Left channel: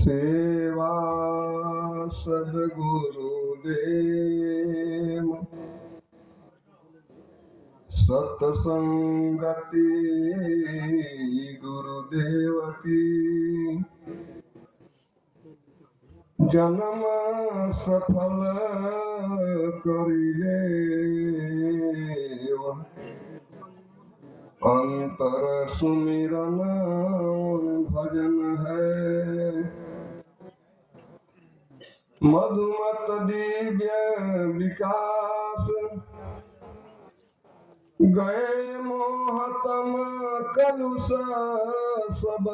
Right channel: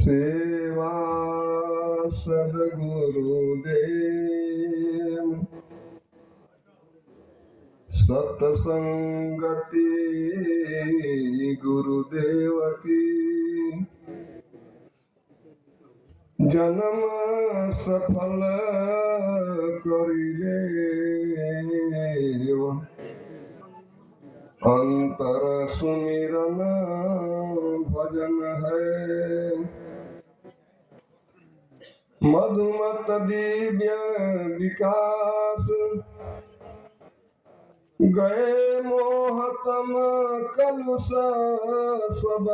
सेवा सद्गुरुदेव सत्संगति गुरुदेव की जन्म सफल करिले अंतर सुमिरन भजन है मधुमत दिव्य विकास गए मोहतम कलुष सब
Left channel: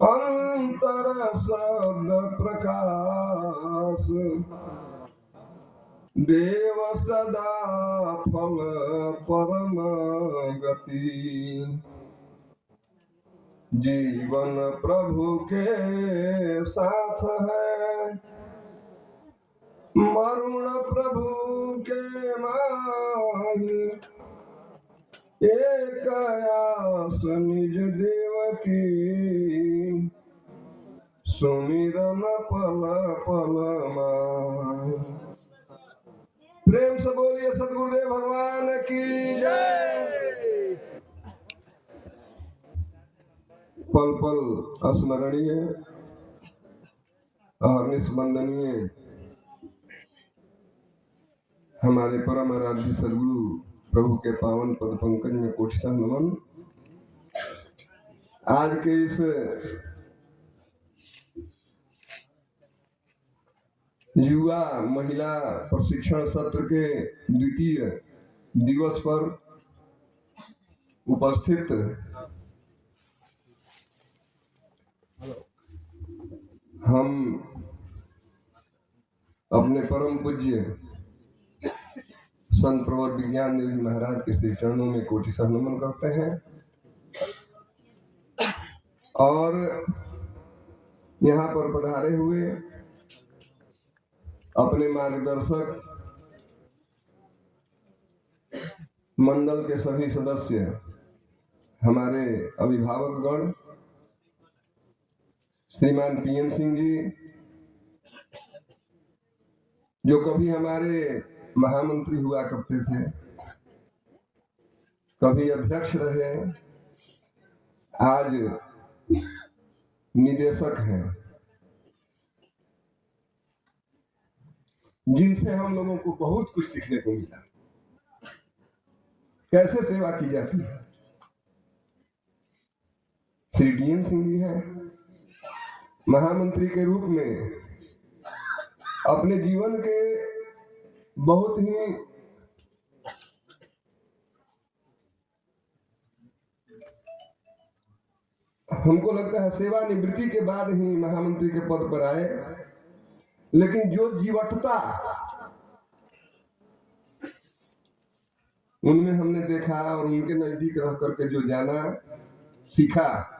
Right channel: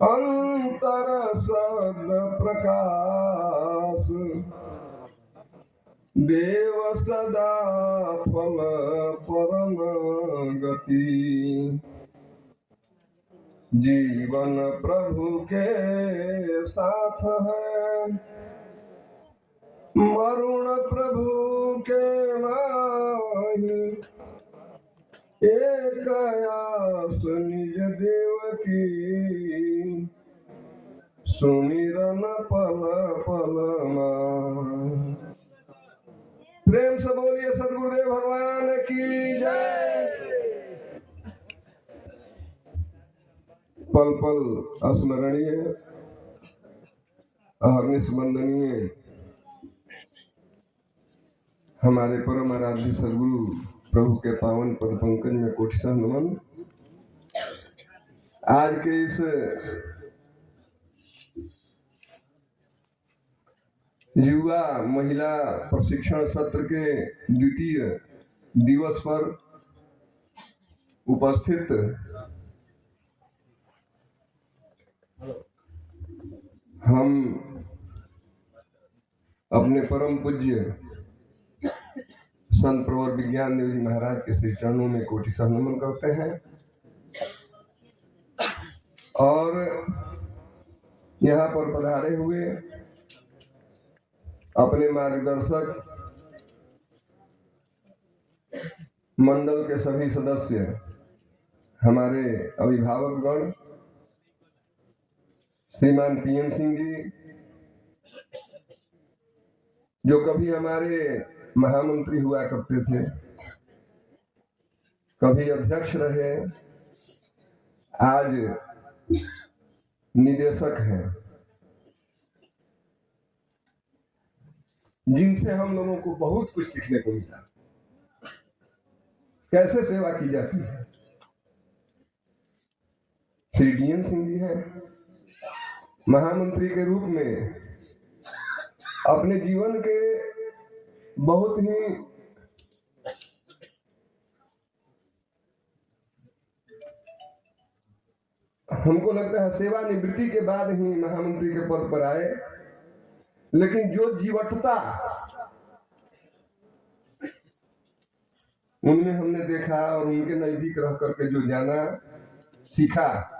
अंतर शब्द प्रकाश देव सदा फल परम गति जीवन प्रभु के साथ है मरुण प्रभु के माही एक आस निज देव की सुमिरन पल पल माही। प्रेम से बोलिए सद्गुरुदेव भगवान की जय। पल पल स्मरणीय अहर्निश वंदनीय हमारे परम आराध्य सद्गुरु प्रभु के पावन पद पंकज में कोटिशः नमन। आज के इस युवा महिला प्रशिक्षण सत्र के द्वितीय दिवस पर उपस्थित हम अपने परम पूज्य संत प्रवर विज्ञान देव जी महाराज के श्री चरणों में कोटिशः नमन करते हैं और यहाँ पर पधारे हुए अपने मार्गदर्शक मंडल के सभी सदस्य हमारे अभिभावकगण श्रीमान पीएन सिंह जी जो कभी हमारे महामंत्री हुआ करते थे, कभी अध्यक्ष रहे, आज निदेशक हैं, जिनसे हम लोगों को बहुत कुछ सीखने को मिला। कैसे सेवा की जाती है। श्री डीएन सिंह जी हैं, महामंत्री के रूप में अपने जीवन के बहुत ही हमको लगता है सेवा निवृत्ति के बाद ही महामंत्री के पद पर आए, लेकिन जो जीवटता उनमें हमने देखा और उनके नजदीक रह करके जो जाना सीखा,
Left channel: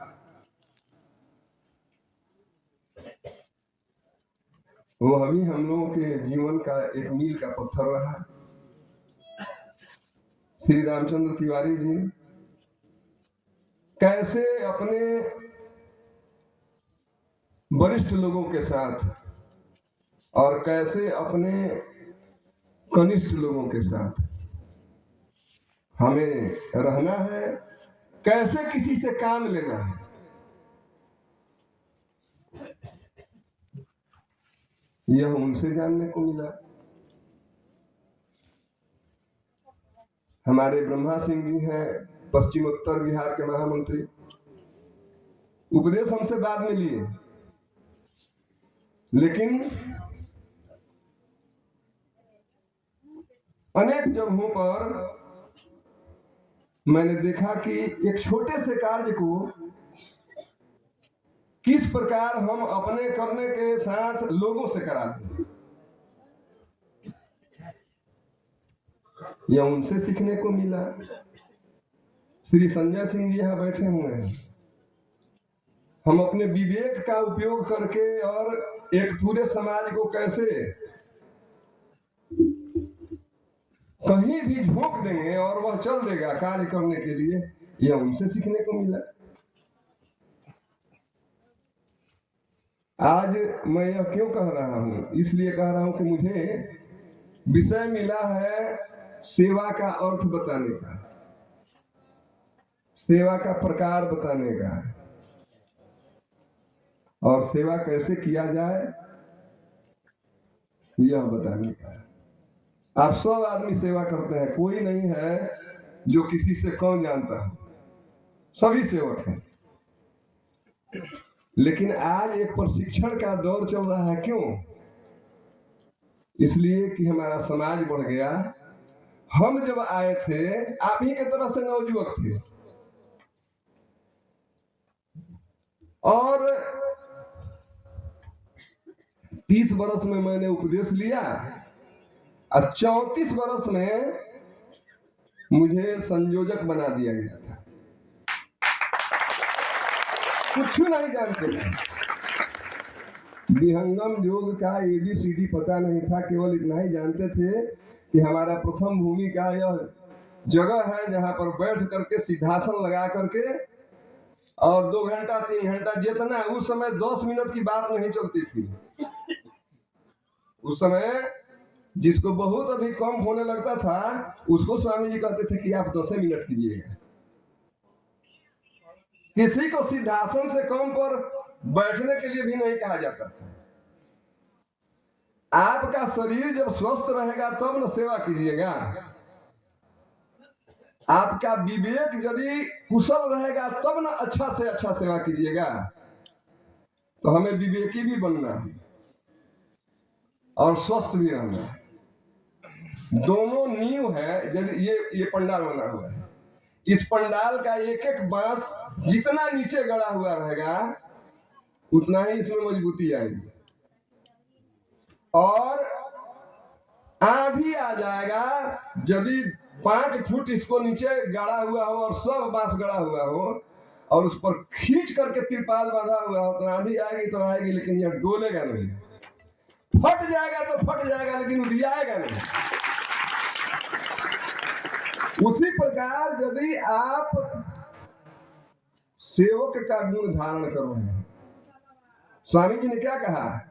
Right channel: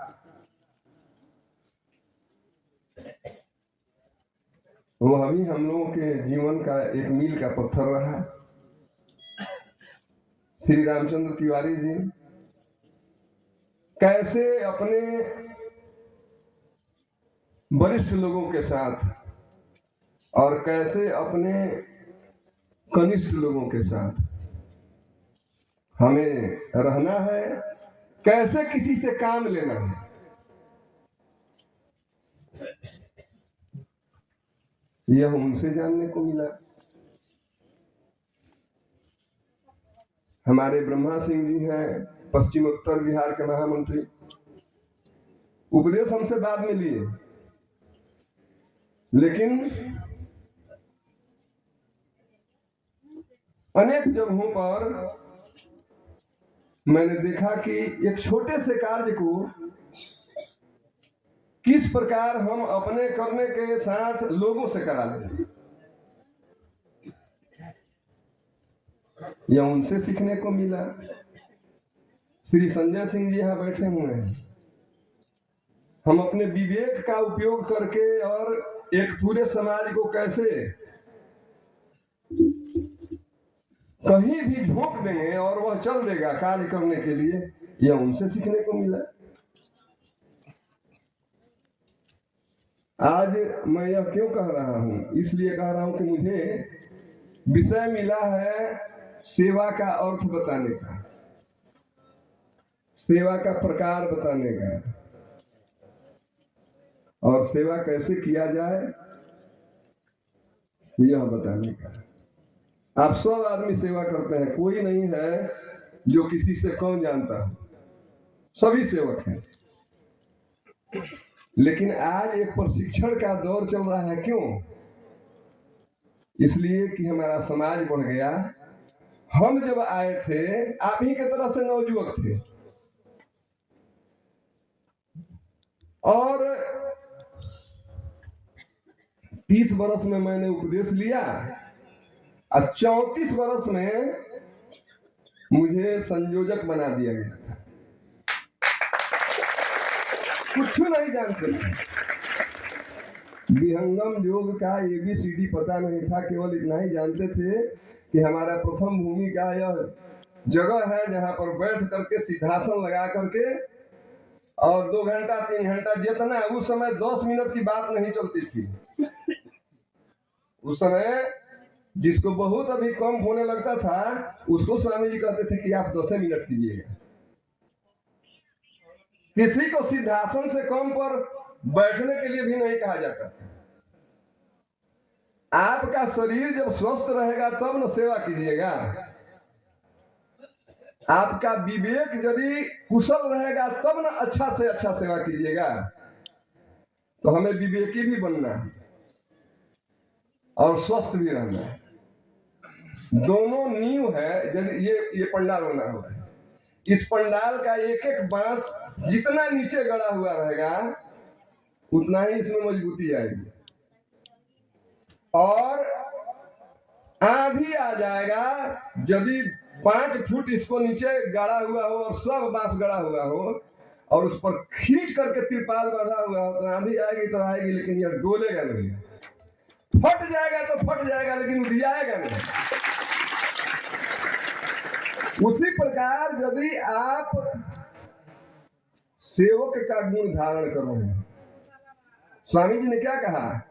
वो अभी हम लोगों के जीवन का एक मील का पत्थर रहा। श्री रामचंद्र तिवारी जी कैसे अपने वरिष्ठ लोगों के साथ और कैसे अपने कनिष्ठ लोगों के साथ हमें रहना है, कैसे किसी से काम लेना है, यह उनसे जानने को मिला। हमारे ब्रह्मा सिंह जी हैं, पश्चिम उत्तर बिहार के महामंत्री, उपदेश हमसे बाद में लिए, लेकिन अनेक जगहों पर मैंने देखा कि एक छोटे से कार्य को किस प्रकार हम अपने करने के साथ लोगों से करा लें, यह उनसे सीखने को मिला। श्री संजय सिंह जी यहाँ बैठे हुए हैं। हम अपने विवेक का उपयोग करके और एक पूरे समाज को कैसे कहीं भी झोंक देंगे और वह चल देगा कार्य करने के लिए, यह उनसे सीखने को मिला। आज मैं यह क्यों कह रहा हूं? इसलिए कह रहा हूं कि मुझे विषय मिला है सेवा का अर्थ बताने का, सेवा का प्रकार बताने का, और सेवा कैसे किया जाए यह बताने का। आप सब आदमी सेवा करते हैं, कोई नहीं है जो किसी से कम जानता हो, सभी सेवक हैं। लेकिन आज एक प्रशिक्षण का दौर चल रहा है। क्यों? इसलिए कि हमारा समाज बढ़ गया। हम जब आए थे आप ही के तरह से नवयुवक थे, और 30 वर्ष में मैंने उपदेश लिया और 34 वर्ष में मुझे संयोजक बना दिया गया था। कुछ नहीं जानते थे, विहंगम योग का ABCD पता नहीं था। केवल इतना ही जानते थे कि हमारा प्रथम भूमि का यह जगह है जहां पर बैठ करके सिद्धासन लगा करके और 2 घंटा 3 घंटा जितना, उस समय 10 मिनट की बात नहीं चलती थी। उस समय जिसको बहुत अधिक कम होने लगता था उसको स्वामी जी कहते थे कि आप 10 मिनट कीजिएगा। किसी को सिद्धासन से कम पर बैठने के लिए भी नहीं कहा जाता था। आपका शरीर जब स्वस्थ रहेगा तब न सेवा कीजिएगा। आपका विवेक यदि कुशल रहेगा तब न अच्छा से अच्छा सेवा कीजिएगा। तो हमें विवेकी भी बनना है और स्वस्थ भी रहना है। दोनों नींव है। यदि ये पंडाल बना हुआ है, इस पंडाल का एक एक बांस जितना नीचे गड़ा हुआ रहेगा उतना ही इसमें मजबूती आएगी। और आंधी आ जाएगा यदि 5 फुट इसको नीचे गड़ा हुआ हो और सब बांस गड़ा हुआ हो और उस पर खींच करके तिरपाल बांधा हुआ हो, तो आंधी आएगी तो आएगी, लेकिन यह डोलेगा नहीं। फट जाएगा तो फट जाएगा, लेकिन उधियाएगा नहीं। उसी प्रकार यदि आप सेवक का गुण धारण करो हैं, स्वामी जी ने क्या कहा?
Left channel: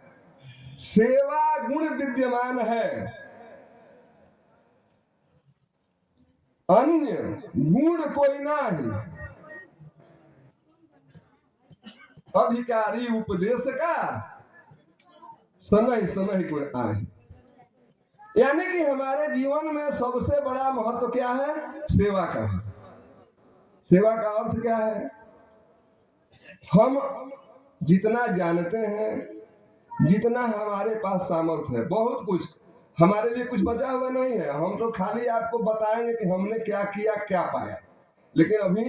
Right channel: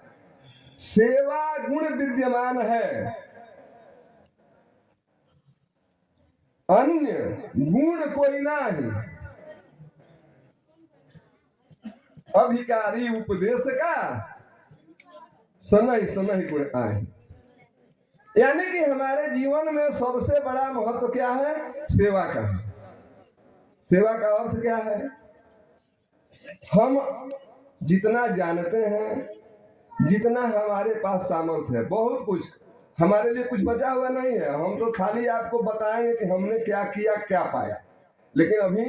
सेवा गुण विद्यमान है, अन्य गुण कोई नहीं। अधिकारी उपदेश का सनहि सनहि गुण आए। यानी कि हमारे जीवन में सबसे बड़ा महत्व क्या है? सेवा का है। सेवा का अर्थ क्या है? हम जितना जानते हैं, जितना हमारे पास सामर्थ्य है, बहुत कुछ हमारे लिए कुछ बचा हुआ नहीं है। हम तो खाली आपको बताएंगे कि हमने क्या किया, क्या पाया। लेकिन अभी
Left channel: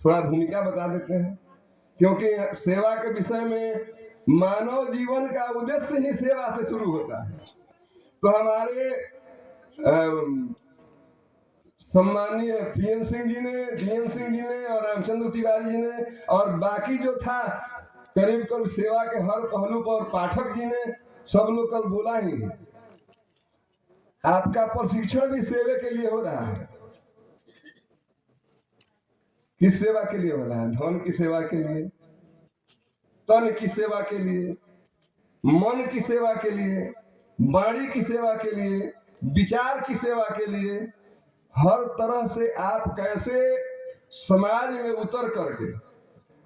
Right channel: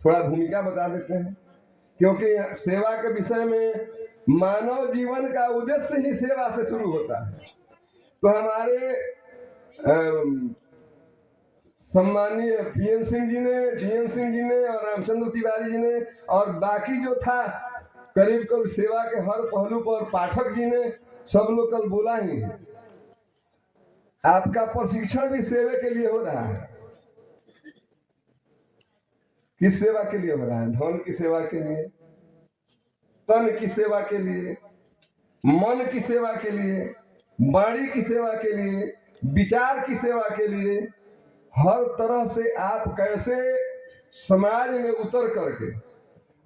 थोड़ा भूमिका बता देते हैं, क्योंकि सेवा के विषय में मानव जीवन का उद्देश्य ही सेवा से शुरू होता है। तो हमारे सम्मानीय PM सिंह जी ने, DM सिंह जी ने और रामचंद्र तिवारी जी ने और बाकी जो था करीब करीब सेवा के हर पहलू पर पाठक जी ने, सब लोग कल बोला ही है। आपका प्रशिक्षण भी सेवा के लिए हो रहा है। किस सेवा के लिए हो रहा है? धन की सेवा के लिए, तन की सेवा के लिए, मन की सेवा के लिए, वाणी की सेवा के लिए, विचार की सेवा के लिए। हर तरह से आप कैसे समाज में उतर करके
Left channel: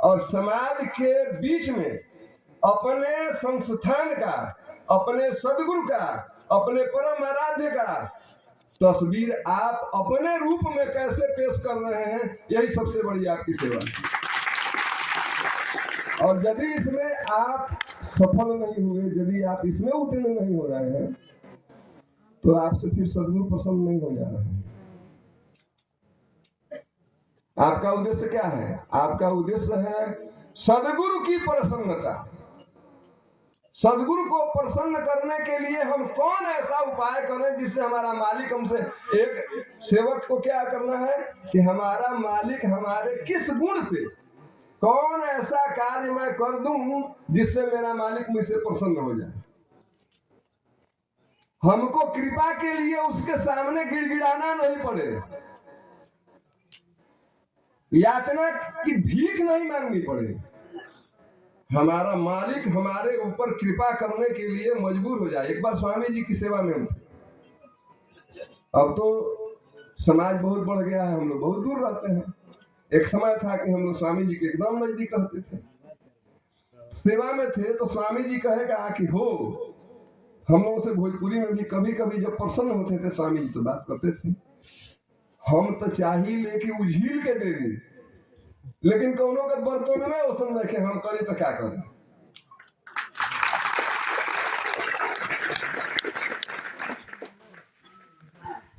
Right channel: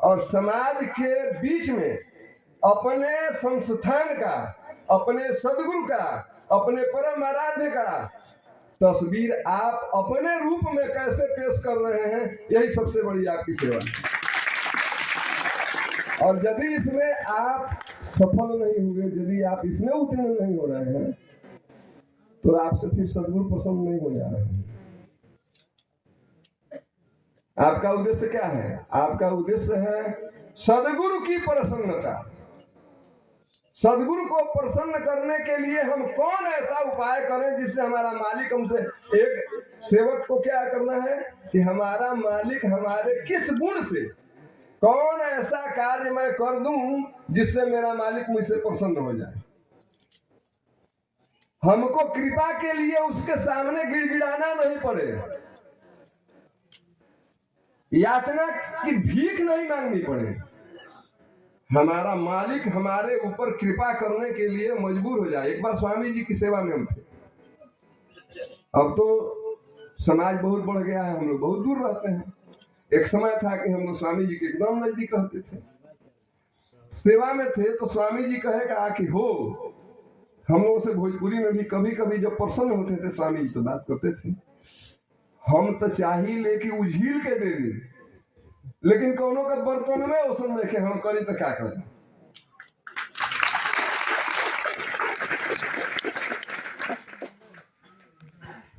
और समाज के बीच में अपने संस्थान का, अपने सदगुरु का, अपने परम आराध्य का तस्वीर आप अपने रूप में कैसे पेश कर रहे हैं, यही सबसे बड़ी आपकी सेवा है। और यदि इसमें आप सफल नहीं हुए, यदि आप इसमें उत्तीर्ण नहीं हो रहे हैं, तो आपसे फिर सदगुरु प्रसन्न नहीं हो जा रहे हैं। आपका उद्देश्य क्या है? आपका उद्देश्य है सदगुरु की प्रसन्नता। सदगुरु को प्रसन्न करने के लिए हम कौन ऐसा उपाय करें जिससे हमारा मालिक हमसे, एक सेवक को क्या करना है कि हमारा मालिक हमारे किस गुण से, कौन ऐसा कार्य मैं कर दूं जिससे मेरा मालिक मुझसे प्रसन्न हो जाए। हमको कृपा के लिए उसके सामने गिड़गिड़ाना नहीं पड़े, याचना की भीख नहीं मांगनी पड़े। हमारा मालिक हमारे ऊपर कृपा करने के लिए मजबूर हो जाए। एक बार स्वामी जी की सेवा में हम थे, अब तो समाज बहुत बढ़ गया है, हम लोग बहुत दूर रहते हैं। एक समय था कि हम लोग स्वामी जी के एकदम नजदीक रहते थे, सेवा में थे, तो स्वामी जी कहेगा कि हो, हम लोगों से भोजपुरी में भी कभी कभी जब प्रसन्न होते थे स्वामी जी तो बात करते थे, हम तो चाही लेके उझील के दे दी, लेकिन कौनों का बर्तन में ओसन रखे, हम करी तो क्या करें।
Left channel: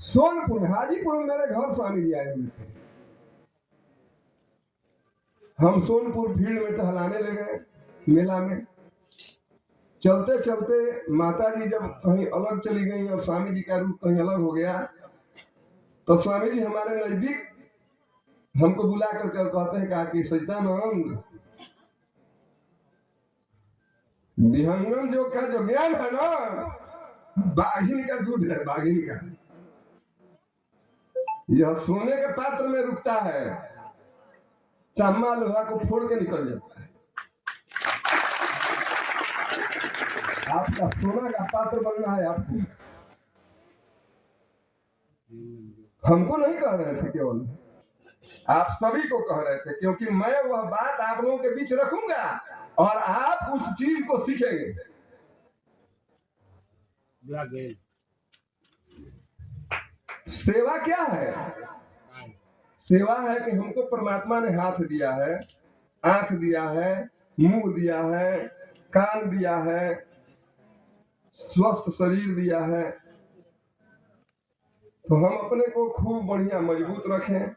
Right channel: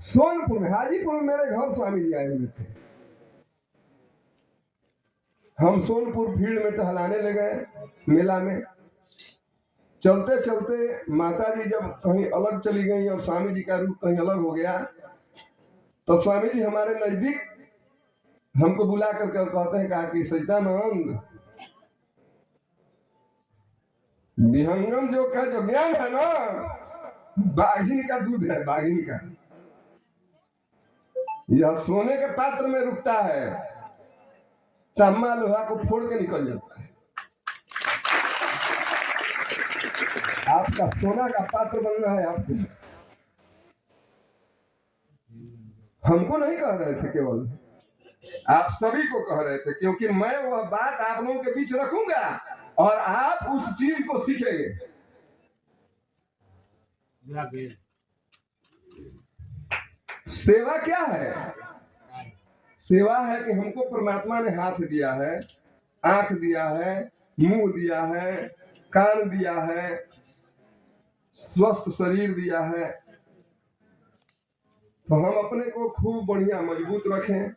सोनपुर में, हाजीपुर में मेरे घर स्वामी जी आए हुए थे। हम सोनपुर भीड़ में टहलाने लगे, मेला में चलते चलते माता जी जब कहीं अलग चली गई और स्वामी जी का रूप कहीं अलग हो गया, तो स्वामी जी हमारे नजदीक हमको बुला करके कहते हैं, कहा कि सचिदानंद, विहंगम जो का जो ज्ञान है ना, बाघिन का दूध है, बाघिन का। यह सोने के पात्र में रुकता है, तांबा लोहा को फोड़ के निकल जाता है। आपका सोना का पात्र बनना है आपको। हमको नहीं कह रहे थे, केवल आप सभी को कह रहे थे, क्योंकि मैं वह बात आप लोगों के बीच रखूंगा और आप उस चीज को सीखेंगे। सेवा क्या है? सेवा है कि हमको परमात्मा ने हाथ दिया है, आंख दिया है, मुंह दिया है, कान दिया है, स्वस्थ शरीर दिया है, तो हम अपने को खूब बढ़िया मजबूत रखें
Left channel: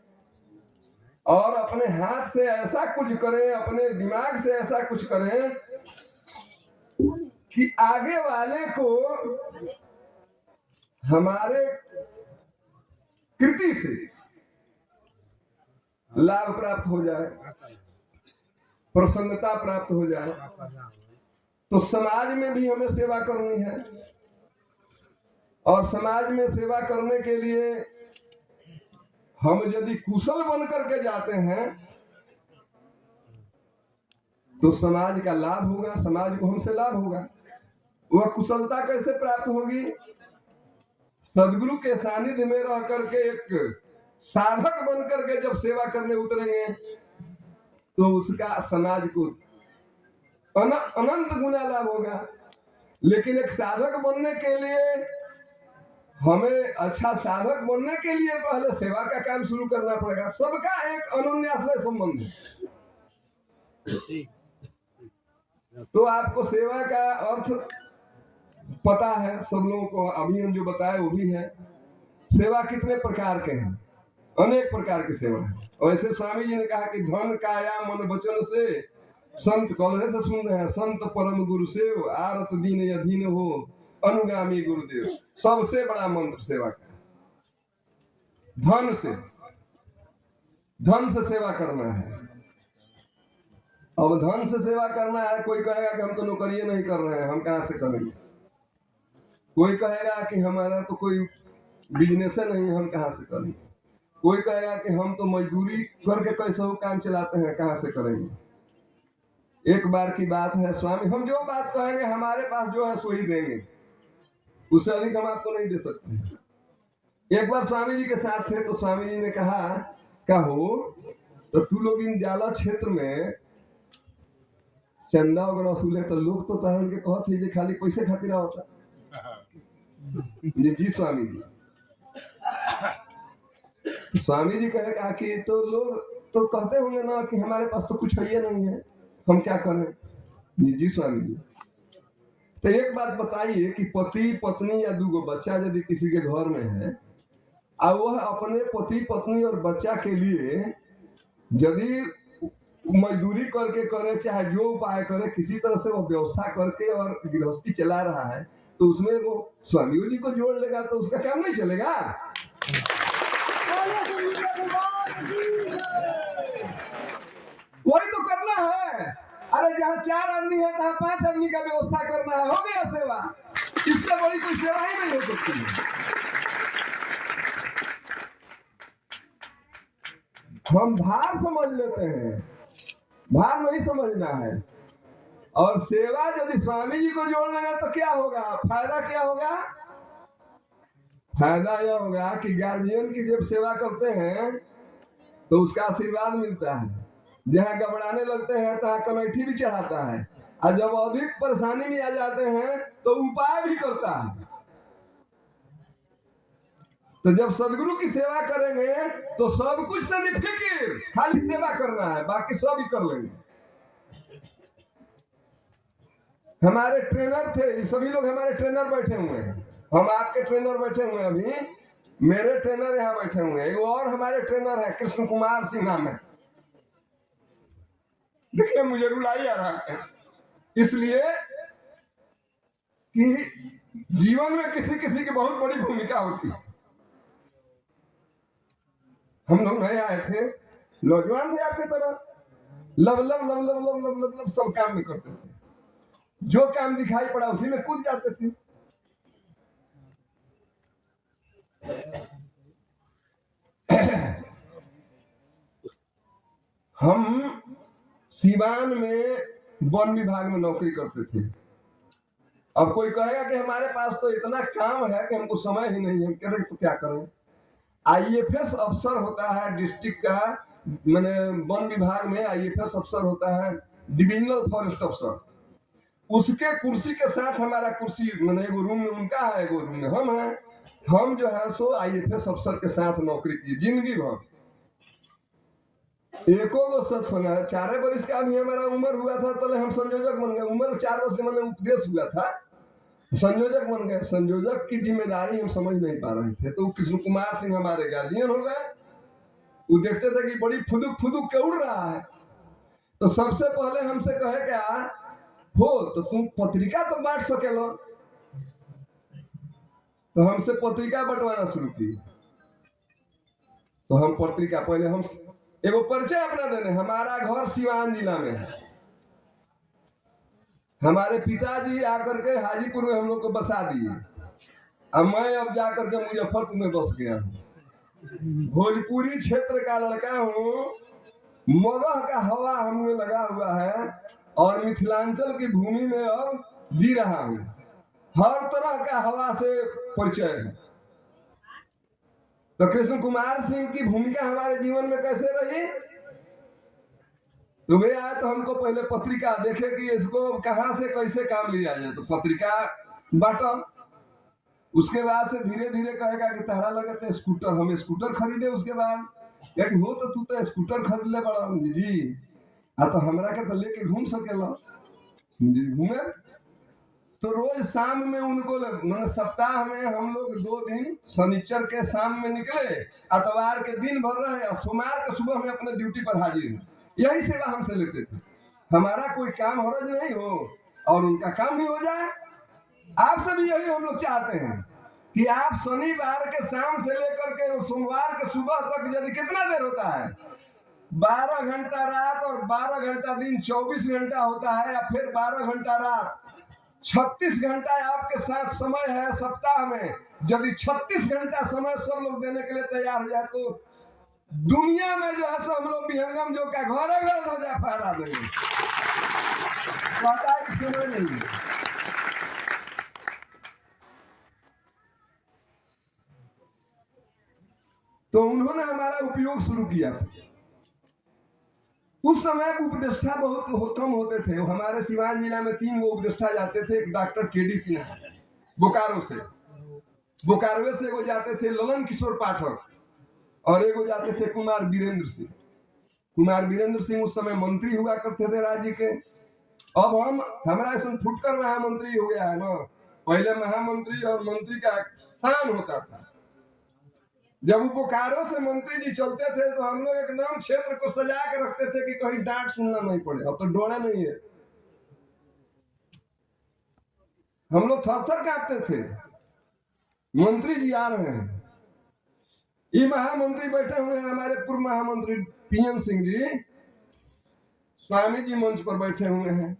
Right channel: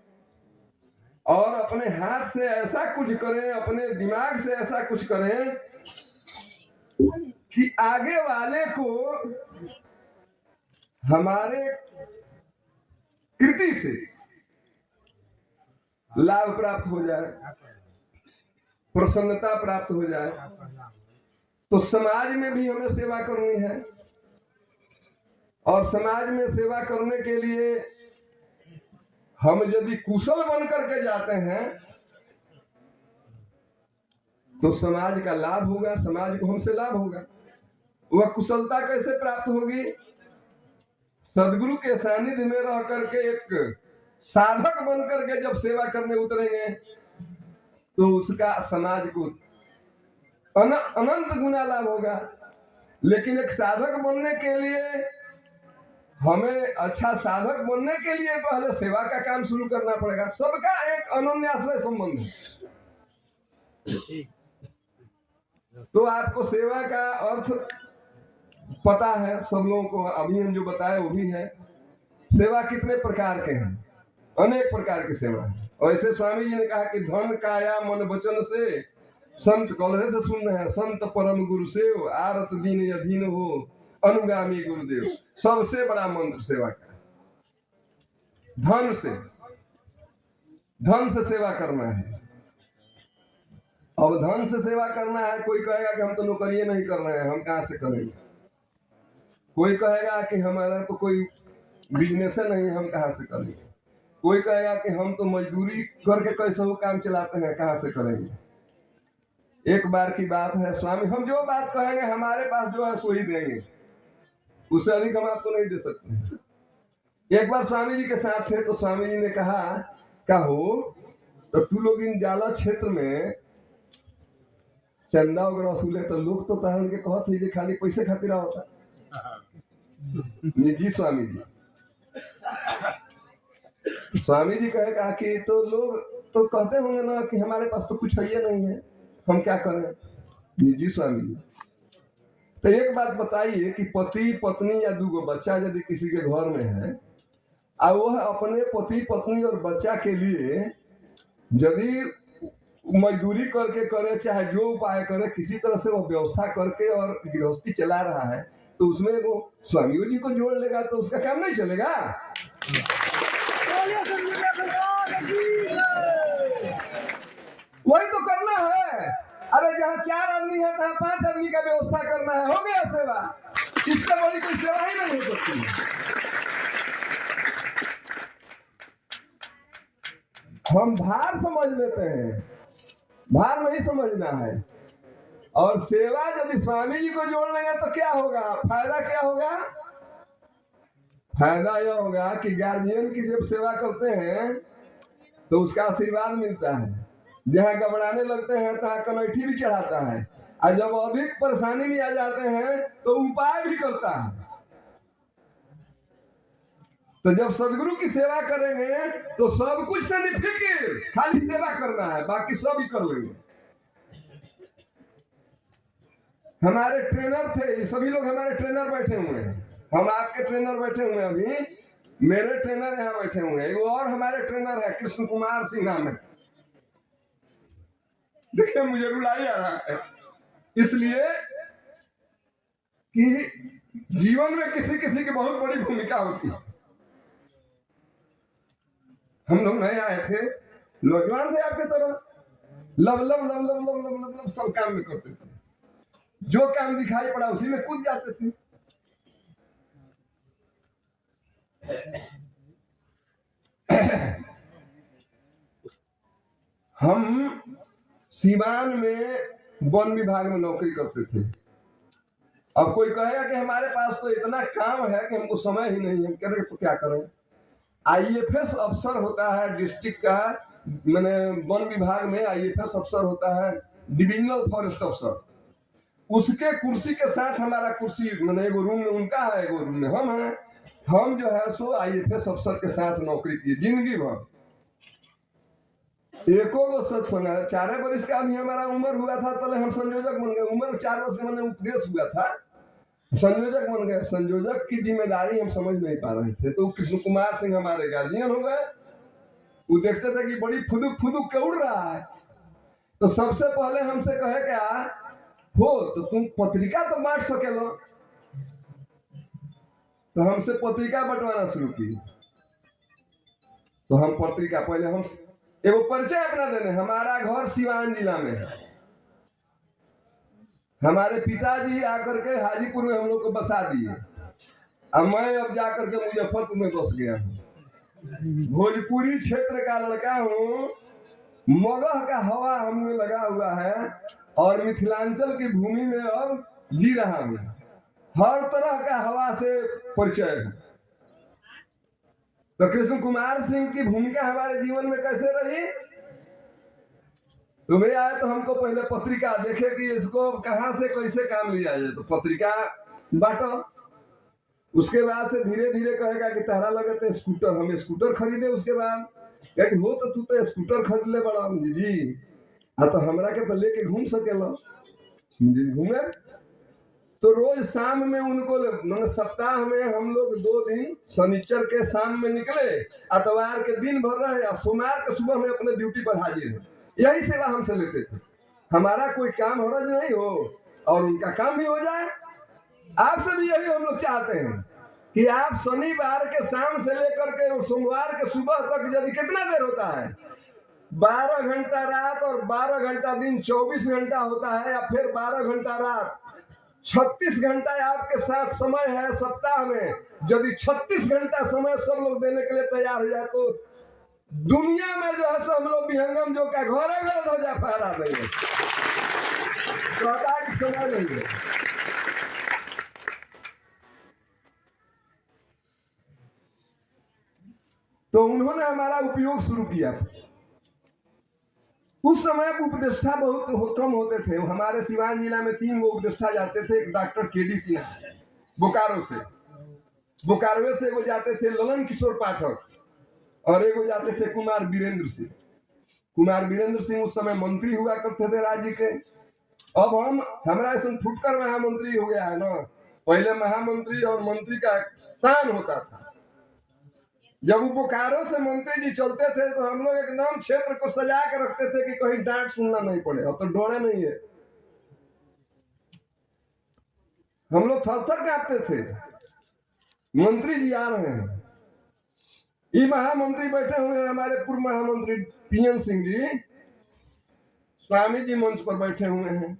और अपने हाथ से ऐसा कुछ करें, अपने दिमाग से ऐसा कुछ करें कि आगे वाले को हमारे कृति से लाभ प्राप्त हो जाए, प्रसन्नता प्राप्त हो जाए। तो समाज में भी हमें सेवा करनी है, और समाज में सेवा करने के लिए हम यदि कुशल बन करके जाते हैं तो समाज का लाभ होगा, समाज को हमसे लाभ होगा। वह कुशलता कैसे प्राप्त होगी? सदगुरु के सानिध्य में रह करके एक साधक बन करके जब सेवा करने उतरेंगे तो उसका समाज को अनंत गुना लाभ होगा। लेकिन एक साधक बनने के लिए, हमें अच्छा साधक बनने के लिए पहले सेवा का काम शुरू करना पड़ेगा। सबका एक अनन्याश्रय संबंध है। तो आपको सेवा का अर्थ पता है, सब लोगों को अभी हम जो बताए वो भी है। सेवा कितने प्रकार के हैं? अनेक प्रकार की सेवा है। और ऐसे स्वामी जी ने कहा कि धन काया मन वचन से संत कलहे से सुन रहे हैं, संत परम गुरु सेव आरत दीन अधीन हो अनुगामी गुरुदेव। सबसे बड़ा मंत्र सेवा का धन से सेवा करना है। अब धन से सेवा करना है, कोई कहेगा कि हम तो नौकरी नहीं कर रहे हैं, हम कहां से करेंगे। कोई कहेगा कि हमारा तो कोई बिजनेस नहीं है, हम कहां से करेंगे। कोई कहेगा कि हम तो मजदूरी करके कैसे वो काम चलाते हैं, कहां से करेंगे। एक बार की बात है, स्वामी हम जो बात कहेंगे हमारे पास जो है सो ही देंगे, उससे अधिक हम आपको नहीं दे सकते। एक बार स्वामी जी के साथ थे तो स्वामी जी ने कहा हो तो तू लोग इन जाला क्षेत्र में चंदा वगैरह वसूले तो लोग तो तारण के कहत है खाली पैसे खातिर होता। जी स्वामी जी, स्वामी जी कहे कि तो लोग तो कहते होंगे ना कि हमारे पास तो कुछ है नहीं है, हम क्या करें। जी स्वामी जी, तो एक बात बताइए कि पति पत्नी या दूगो बच्चा यदि किसी के घर में है और वह अपने पति पत्नी और बच्चा के लिए यदि मजदूरी करके करे, चाहे जो उपाय करे, किसी तरह से वो व्यवस्था करके और गृहस्थी चला रहा है, तो उसमें वो स्वामियों जी को जोड़ लेगा तो उसका काम नहीं चलेगा। वही तो करना है। अरे जहाँ 4 आदमी है तहाँ 5 आदमी का व्यवस्था करना है, हो गया सेवा। इससे बड़ी कोई सेवा ही नहीं हो सकती। हम भार समझ लेते हैं, भार नहीं समझना है। और सेवा यदि स्वामी जी को जोड़ लेंगे तो क्या होगा, फायदा क्या होगा? फायदा यह होगा कि गार्जियन की जब सेवा करते हैं तो उसका आशीर्वाद मिलता है। जहाँ घबराने लगते हैं तहाँ कमेटी भी चढ़ाता है, और जब अधिक परेशानी में आ जाते हैं तो उपाय भी करता है। तो जब सदगुरु की सेवा करेंगे तो सब कुछ से निफिकिर, खाली सेवा करना है, बाकी सब ही कर लेंगे। हमारे ट्रेनर थे, सभी लोग हमारे ट्रेनर बैठे हुए हैं, हम आपके ट्रेनर बैठे हुए हैं, अभी मेरे ट्रेनर यहाँ बैठे हुए हैं, और हमारे ट्रेनर है कृष्ण कुमार सिंह नाम है। देखिए मुझे रुलाई आ रहा है, इसलिए कि जीवन में किसी किसी की बहुत बड़ी भूमिका होती है। हम लोग नए आए थे, नौजवान थे आपके तरह, लब लब लब लब लब लब लब लब सब काम में करते थे, जो काम दिखाई पड़ा उसी में कूद जाते थे। हम सीवान में वन विभाग में नौकरी करते थे। अब कोई कहेगा कि हमारे पास तो इतना काम है कि हमको समय ही नहीं है, कह रहे तो क्या करें। आईएफएस अफसर होता है डिस्ट्रिक्ट का, मैंने वन विभाग में आईएफएस अफसर होता है, डिविजनल फॉरेस्ट अफसर, उसके कुर्सी के साथ हमारा कुर्सी, मैंने एगो रूम में उनका है, एगो रूम में हम हैं। हम जो है सो आईएफएस अफसर के साथ नौकरी की जिंदगी भर। एको को सच सुना, 4 वर्ष का भी हमारा उम्र हुआ था तो हम संयोजक बन गए। उम्र 4 वर्ष के मैंने उपदेश हुआ था, संयोजक बन गए। संयोजक की जिम्मेदारी हम समझ नहीं पा रहे थे, तो कृष्ण कुमार सिंह हमारे गार्जियन हो गए। वो देखते थे कि बड़ी फुदुक फुदुक के उड़ रहा है, तो सबसे पहले हमसे कहे क्या हो, तो तुम पत्रिका तो बांट सके लो। तो हमसे पत्रिका बंटवाना शुरू की। तो हम पत्रिका, पहले हम एगो परिचय अपना देने, हमारा घर सिवान जिला में है, हमारे पिताजी आकर के हाजीपुर में हम लोग को बसा दिए, अब मैं अब जाकर के मुजफ्फरपुर में बस गया हूँ। भोजपुरी क्षेत्र का लड़का हूँ, मगह का हवा हमें लगा हुआ है, और मिथिलांचल की भूमि में अब जी रहा हूँ। हर तरह का हवा से परिचय है। तो कृष्ण कुमार सिंह की भूमिका हमारे जीवन में कैसे रही? तुम्हें आए तो हमको पहले पत्रिका देखे कि इसको कहां से कैसे काम लिया जाए, तो पत्रिका बांटा। उसके बाद से धीरे धीरे कहेगा कि तारा लगे तो स्कूटर, हम स्कूटर खरीदे। उसके बाद क्या कि हो तो तू तो स्कूटर खरीद ले बड़ा जी, हाँ तो हमरा के तो लेके घूम सकेला जी, घूमे। तो रोज शाम में उनको, मतलब सप्ताह में हम लोग 2 दिन, शनिचर के शाम में निकले, इतवार के दिन भर रहे, और सोमवार के सुबह में अपने ड्यूटी पर हाजिर है। यही सेवा हमसे लेते थे। हमारा कोई काम हरज नहीं हो और उनका काम भी हो जाए। आपसे भी यही हम लोग चाहते हैं कि आप शनिवार के शाम से लेकर के सोमवार के सुबह तक, यदि कितना देर होता है, 12 घंटा रात और 12 घंटा दिन, 24 घंटा होता है, या फिर 12 घंटा रात, 36 घंटा आपके साथ समय है सप्ताह में। यदि 36 घंटा समय सब लोग देने के लिए तैयार हो जाए तो दुनिया में जो है हम लोग विहंगम जो का घर गलत हो जाए, पा नहीं है, समय नहीं है। तो उन्होंने हमारा उपयोग शुरू किया। उस समय उपदेष्टा बहुत कम होते थे। हमारे सिवान जिला में 3 गो उपदेष्टा जाते थे। एक डॉक्टर केडी सिन्हा बोकारो से, बोकारो से एगो जाते थे ललन किशोर पाठक, और एगो जाते थे कुमार वीरेंद्र सिंह। कुमार वीरेंद्र सिंह उस समय मंत्री हुआ करते थे राज्य के। अब हमारा ऐसा फुटकर महामंत्री हो गया है ना, पहले महामंत्री और मंत्री का स्थान होता था। जब वो बोकारो से मंत्री जी चलते थे तो हम लोग एकदम क्षेत्र को सजा के रखते थे कि कहीं डांट सुनना नहीं पड़े। अब तो डोरा नहीं है, हम लोग थर थर कांपते थे। मंत्री जी आ रहे हैं, ये महामंत्री बैठे हुए हैं, हमारे पूर्व महामंत्री पीएन सिंह जी, स्वामी जी मंच पर बैठे हुए हैं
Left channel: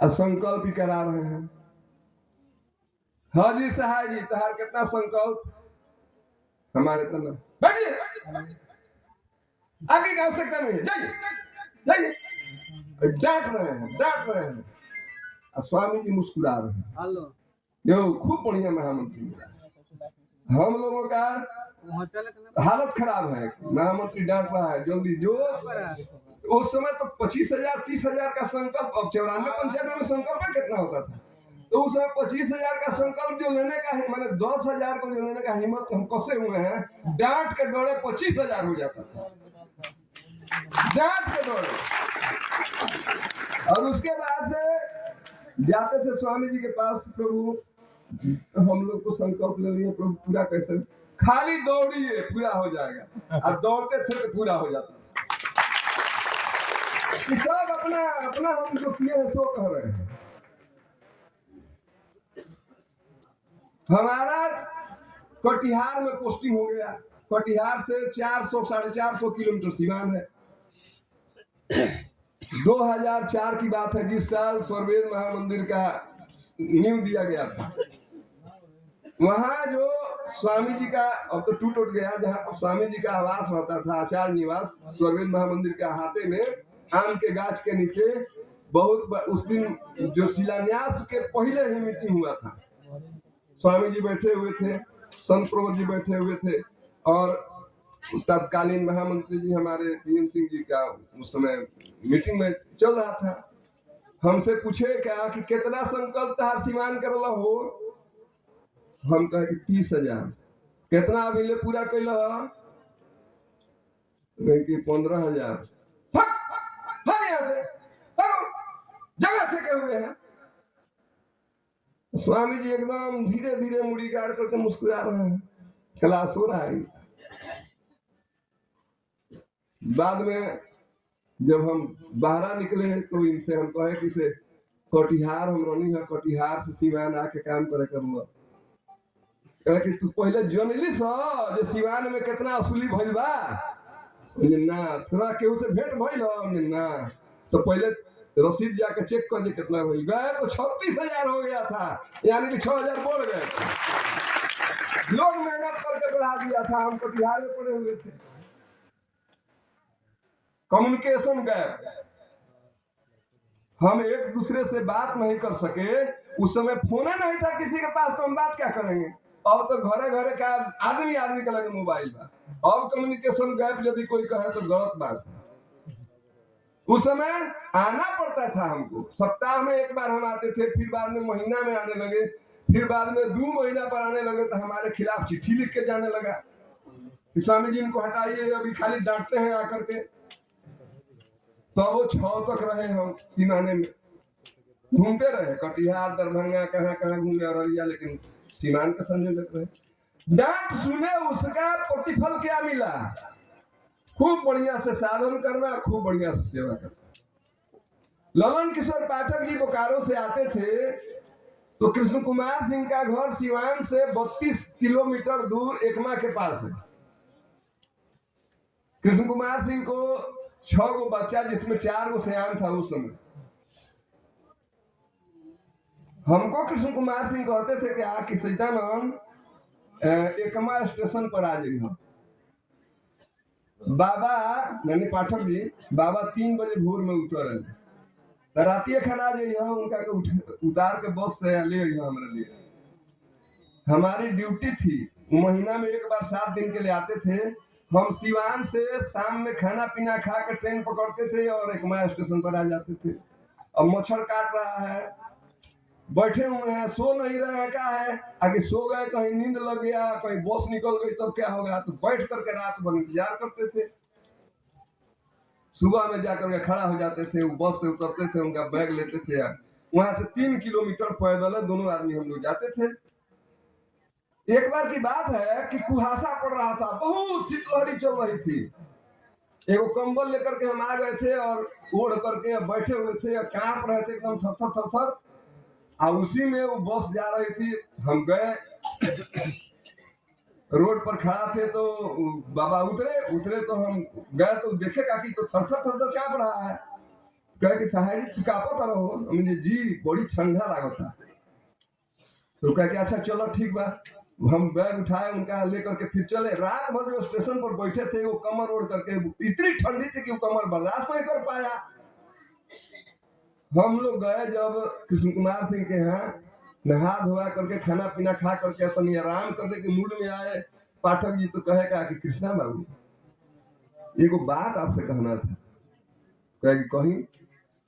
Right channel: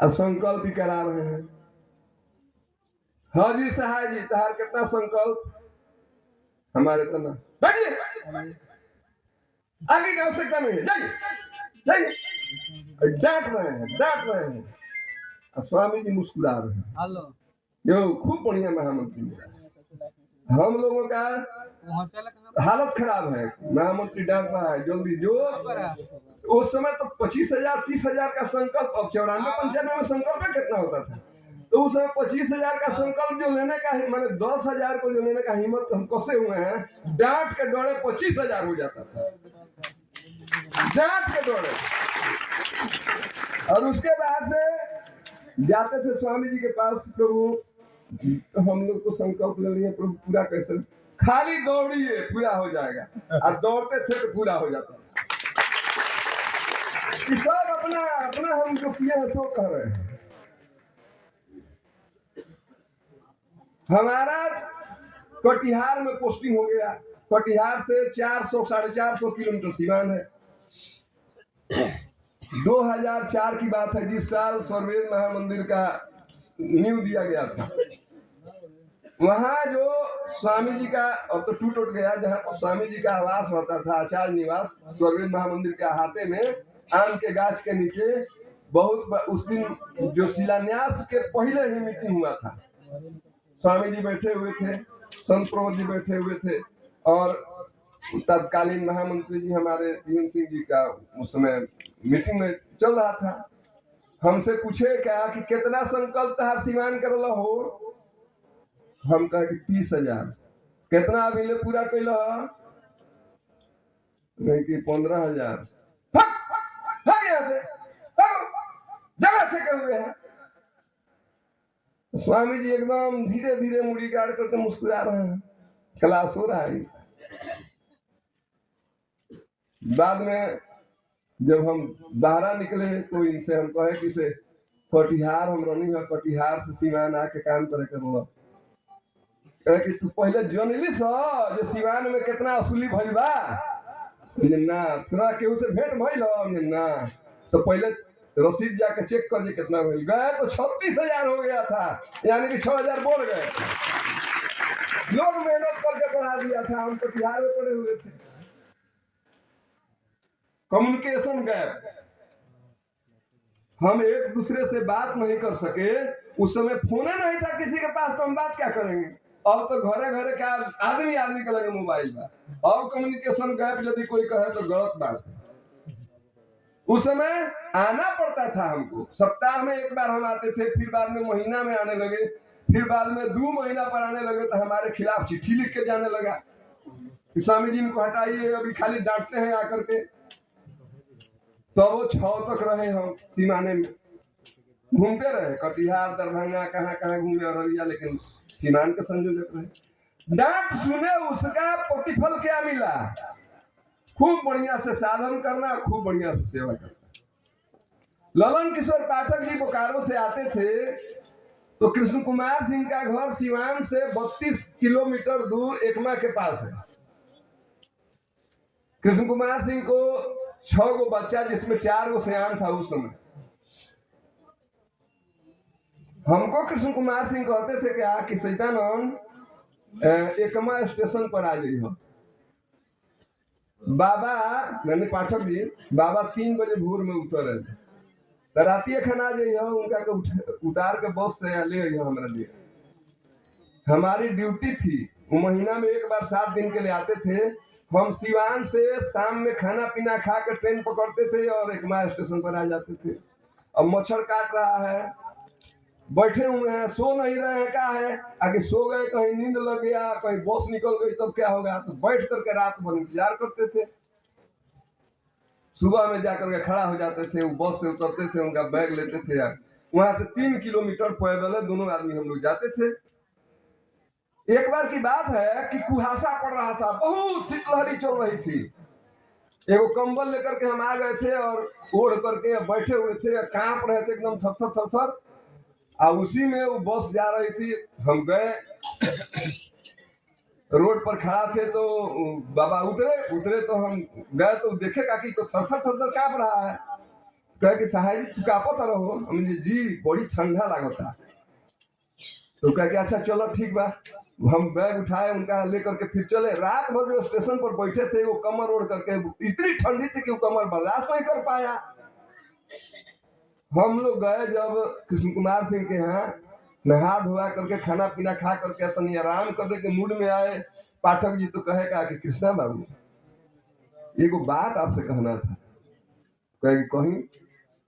और संकल्प भी करा रहे हैं। हाँ जी सहाय जी, तहार कितना संकल्प, हमारे तो ना बैठिए, आगे का आवश्यकता नहीं है, जाइए जाइए। डांट रहे हैं और स्वामी जी मुस्कुरा रहे हैं। यो खूब बढ़िया महामंत्री। हम लोगों का हालत खराब है, महामंत्री डांट रहा है, जल्दी जो। उस समय तो 25,000 30,000 का संकल्प, अब 94-95 में संकल्प कितना होता था, तो उस समय 25,000 का संकल्प जो लेने का, मैंने 10,000 को जो लेने का हिम्मत हम कसे हुए हैं, डांट के डोरे 25,000 हो जाता था, डांट के डोरे। और उसके बाद से जाते थे स्वामी जी के पास, प्रभु हम लोग को संकल्प ले लिए, प्रभु पूरा कैसे, खाली दौड़िए पूरा हो जाएगा, और दौड़ते थे तो पूरा हो जाता। सब अपना अपना हम जो किए हैं सो कह रहे हैं। हमारा कटिहार में पोस्टिंग हो गया, कटिहार से 400-450 किलोमीटर सीमान है। 2004 की बात है, जिस साल स्वर्वेद महामंदिर का नींव दिया गया था। वहां जो स्वामी जी का, और तो टूट गया, जहाँ स्वामी जी का आवास होता था, आचार्य निवास, स्वर्वेद महामंदिर के अहाते में आम के गाछ के नीचे, बहुत उस दिन जो शिलान्यास के पहले ही मीटिंग हुआ था, स्वामी जी बैठे हुए थे, संत प्रमोद जी बैठे हुए थे, और तत्कालीन महामंत्री जी हमारे पीएन सिंह जी का उस समय मीटिंग में चल रहा था। हमसे पूछे क्या कि कितना संकल्प तार सीमान करल हो, हम कहे कि 30,000। कितना अभी ले पूरा कैल, नहीं कि 15,000। जगह से कर हुए हैं। स्वामी जी एकदम धीरे धीरे मुड़ी गाड़ करके मुस्कुरा रहे हैं, क्लास हो रहा है। बाद में जब हम बाहर निकले तो इनसे हम कहे कि से कटिहार हम रही है, कटिहार से सिवान आके काम करे कर, कि तू पहले जनली जो सिवान में कितना असुली भइल बा ना, तोरा केहू से भेंट भइल हो ना, तो पहले रसीद जाके चेक कर कितना भइल। गए तो 36,000 हो गया था, यानी कि 6,000 बढ़ गए। लोग मेहनत करके बढ़ा दिया था, हम कटिहार में पड़े हुए थे। कम्युनिकेशन गैप, हम एक दूसरे से बात नहीं कर सके। उस समय फोन नहीं था किसी के पास, तो हम बात क्या करेंगे। अब तो घरे घरे का आदमी का लगे मोबाइल बा। अब कम्युनिकेशन गैप यदि कोई कहे तो गलत बात है। उस समय आना पड़ता था हमको, सप्ताह में एक बार हम आते थे, फिर बाद में महीना में आने लगे, फिर बाद में 2 महीना पर आने लगे, तो हमारे खिलाफ चिट्ठी लिख के जाने लगा कि स्वामी जी इनको हटाइए, अभी खाली डांटते हैं आकर के। तो वो 6 तक रहे, हम सीमाने में घूमते रहे, कटिहार दरभंगा कहाँ कहाँ घूमे अररिया, लेकिन सीमान के संयोजक रहे। डांट सुने उसका प्रतिफल क्या मिला, खूब बढ़िया से साधन करना, खूब बढ़िया से सेवा करना। ललन किशोर पाठक जी बोकारो से आते थे, तो कृष्ण कुमार सिंह का घर सिवान से 32 किलोमीटर दूर एकमा के पास है। कृष्ण कुमार सिंह को 6 गो बच्चा, जिसमें 4 गो सयान था उस समय। हमको कृष्ण कुमार सिंह कहते थे क्या कि सैतानंद एकमा स्टेशन पर आ जाइए। बाबा मैंने पाठक जी, बाबा 3 बजे भोर में उतरे, रातिये खाना जाइए, उनका उतार के बस से ले हमारे लिए। हमारी ड्यूटी थी, वो महीना में एक बार 7 दिन के लिए आते थे। हम सिवान से शाम में खाना पीना खा के ट्रेन पकड़ते थे और एकमा स्टेशन पर आ जाते थे। अब मच्छर काट रहा है, बैठे हुए हैं, सो नहीं रहे हैं, क्या है आगे सो गए, कहीं नींद लग गया, कहीं बस निकल गई, तब क्या होगा। तो बैठ करके रात भर इंतजार करते थे। सुबह में जाकर के खड़ा हो जाते थे, वो बस से उतरते थे, उनका बैग लेते थे, वहां से 3 किलोमीटर पैदल दोनों आदमी हम लोग जाते थे। एक बार की बात है कि कुहासा पड़ रहा था, बहुत शीतलहरी चल रही थी। एगो कंबल लेकर के हम आ गए थे और ओढ़ करके बैठे हुए थे, कांप रहे थे एकदम थर थर थर थर। और उसी में वो बस जा रही थी, हम गए, रोड पर खड़ा थे तो बाबा उतरे उतरे तो हम गए तो देखे काकी तो थर थर थर थर कांप रहा है। कहे कि साहेब जी कांपत रहो, हमने जी बड़ी ठंडा लागता। तो कह के अच्छा चलो ठीक बा, हम बैग उठाए उनका लेकर के फिर चले। रात भर जो स्टेशन पर बैठे थे वो कमर ओढ़ करके, इतनी ठंडी थी कि वो कमर बर्दाश्त नहीं कर पाया। हम लोग गए जब कृष्ण कुमार सिंह के यहाँ, नहा धोआ करके खाना पीना खा करके अपनी आराम करने के मूड में आए। पाठक जी तो कहेगा कि कृष्णा बाबू एगो बात आपसे कहना था। कहे कहीं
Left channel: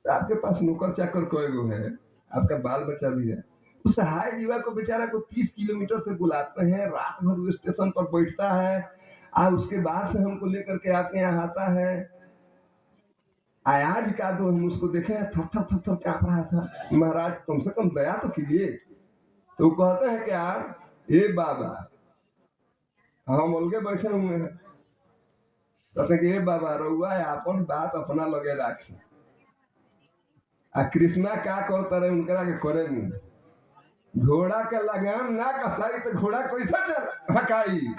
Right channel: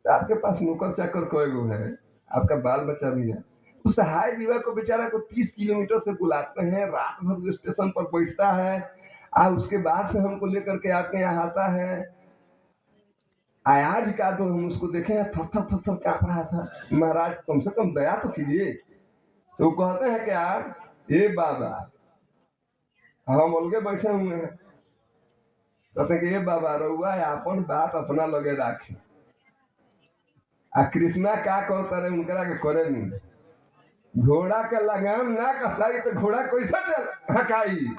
आपके पास नौकर चाकर कई गो है, आपका बाल बच्चा भी है। उस सहाय जीवा को बेचारा को 30 किलोमीटर से बुलाते हैं, रात भर स्टेशन पर बैठता है, और उसके बाद से हमको लेकर के आपके यहाँ आता है। आज का तो हम उसको देखे हैं थर थर थर थर कांप रहा था। महाराज कम से कम दया तो कीजिए। तो कहते हैं क्या, ये बाबा हम अलगे बैठे हुए हैं, कहते हैं कि ये बाबा रउआ अपन बात अपना लगे राखी, आ कृष्णा क्या करता रहे उनकरा के करे नहीं। घोड़ा के लगाम ना कसाई तो घोड़ा कैसा चल हकाई।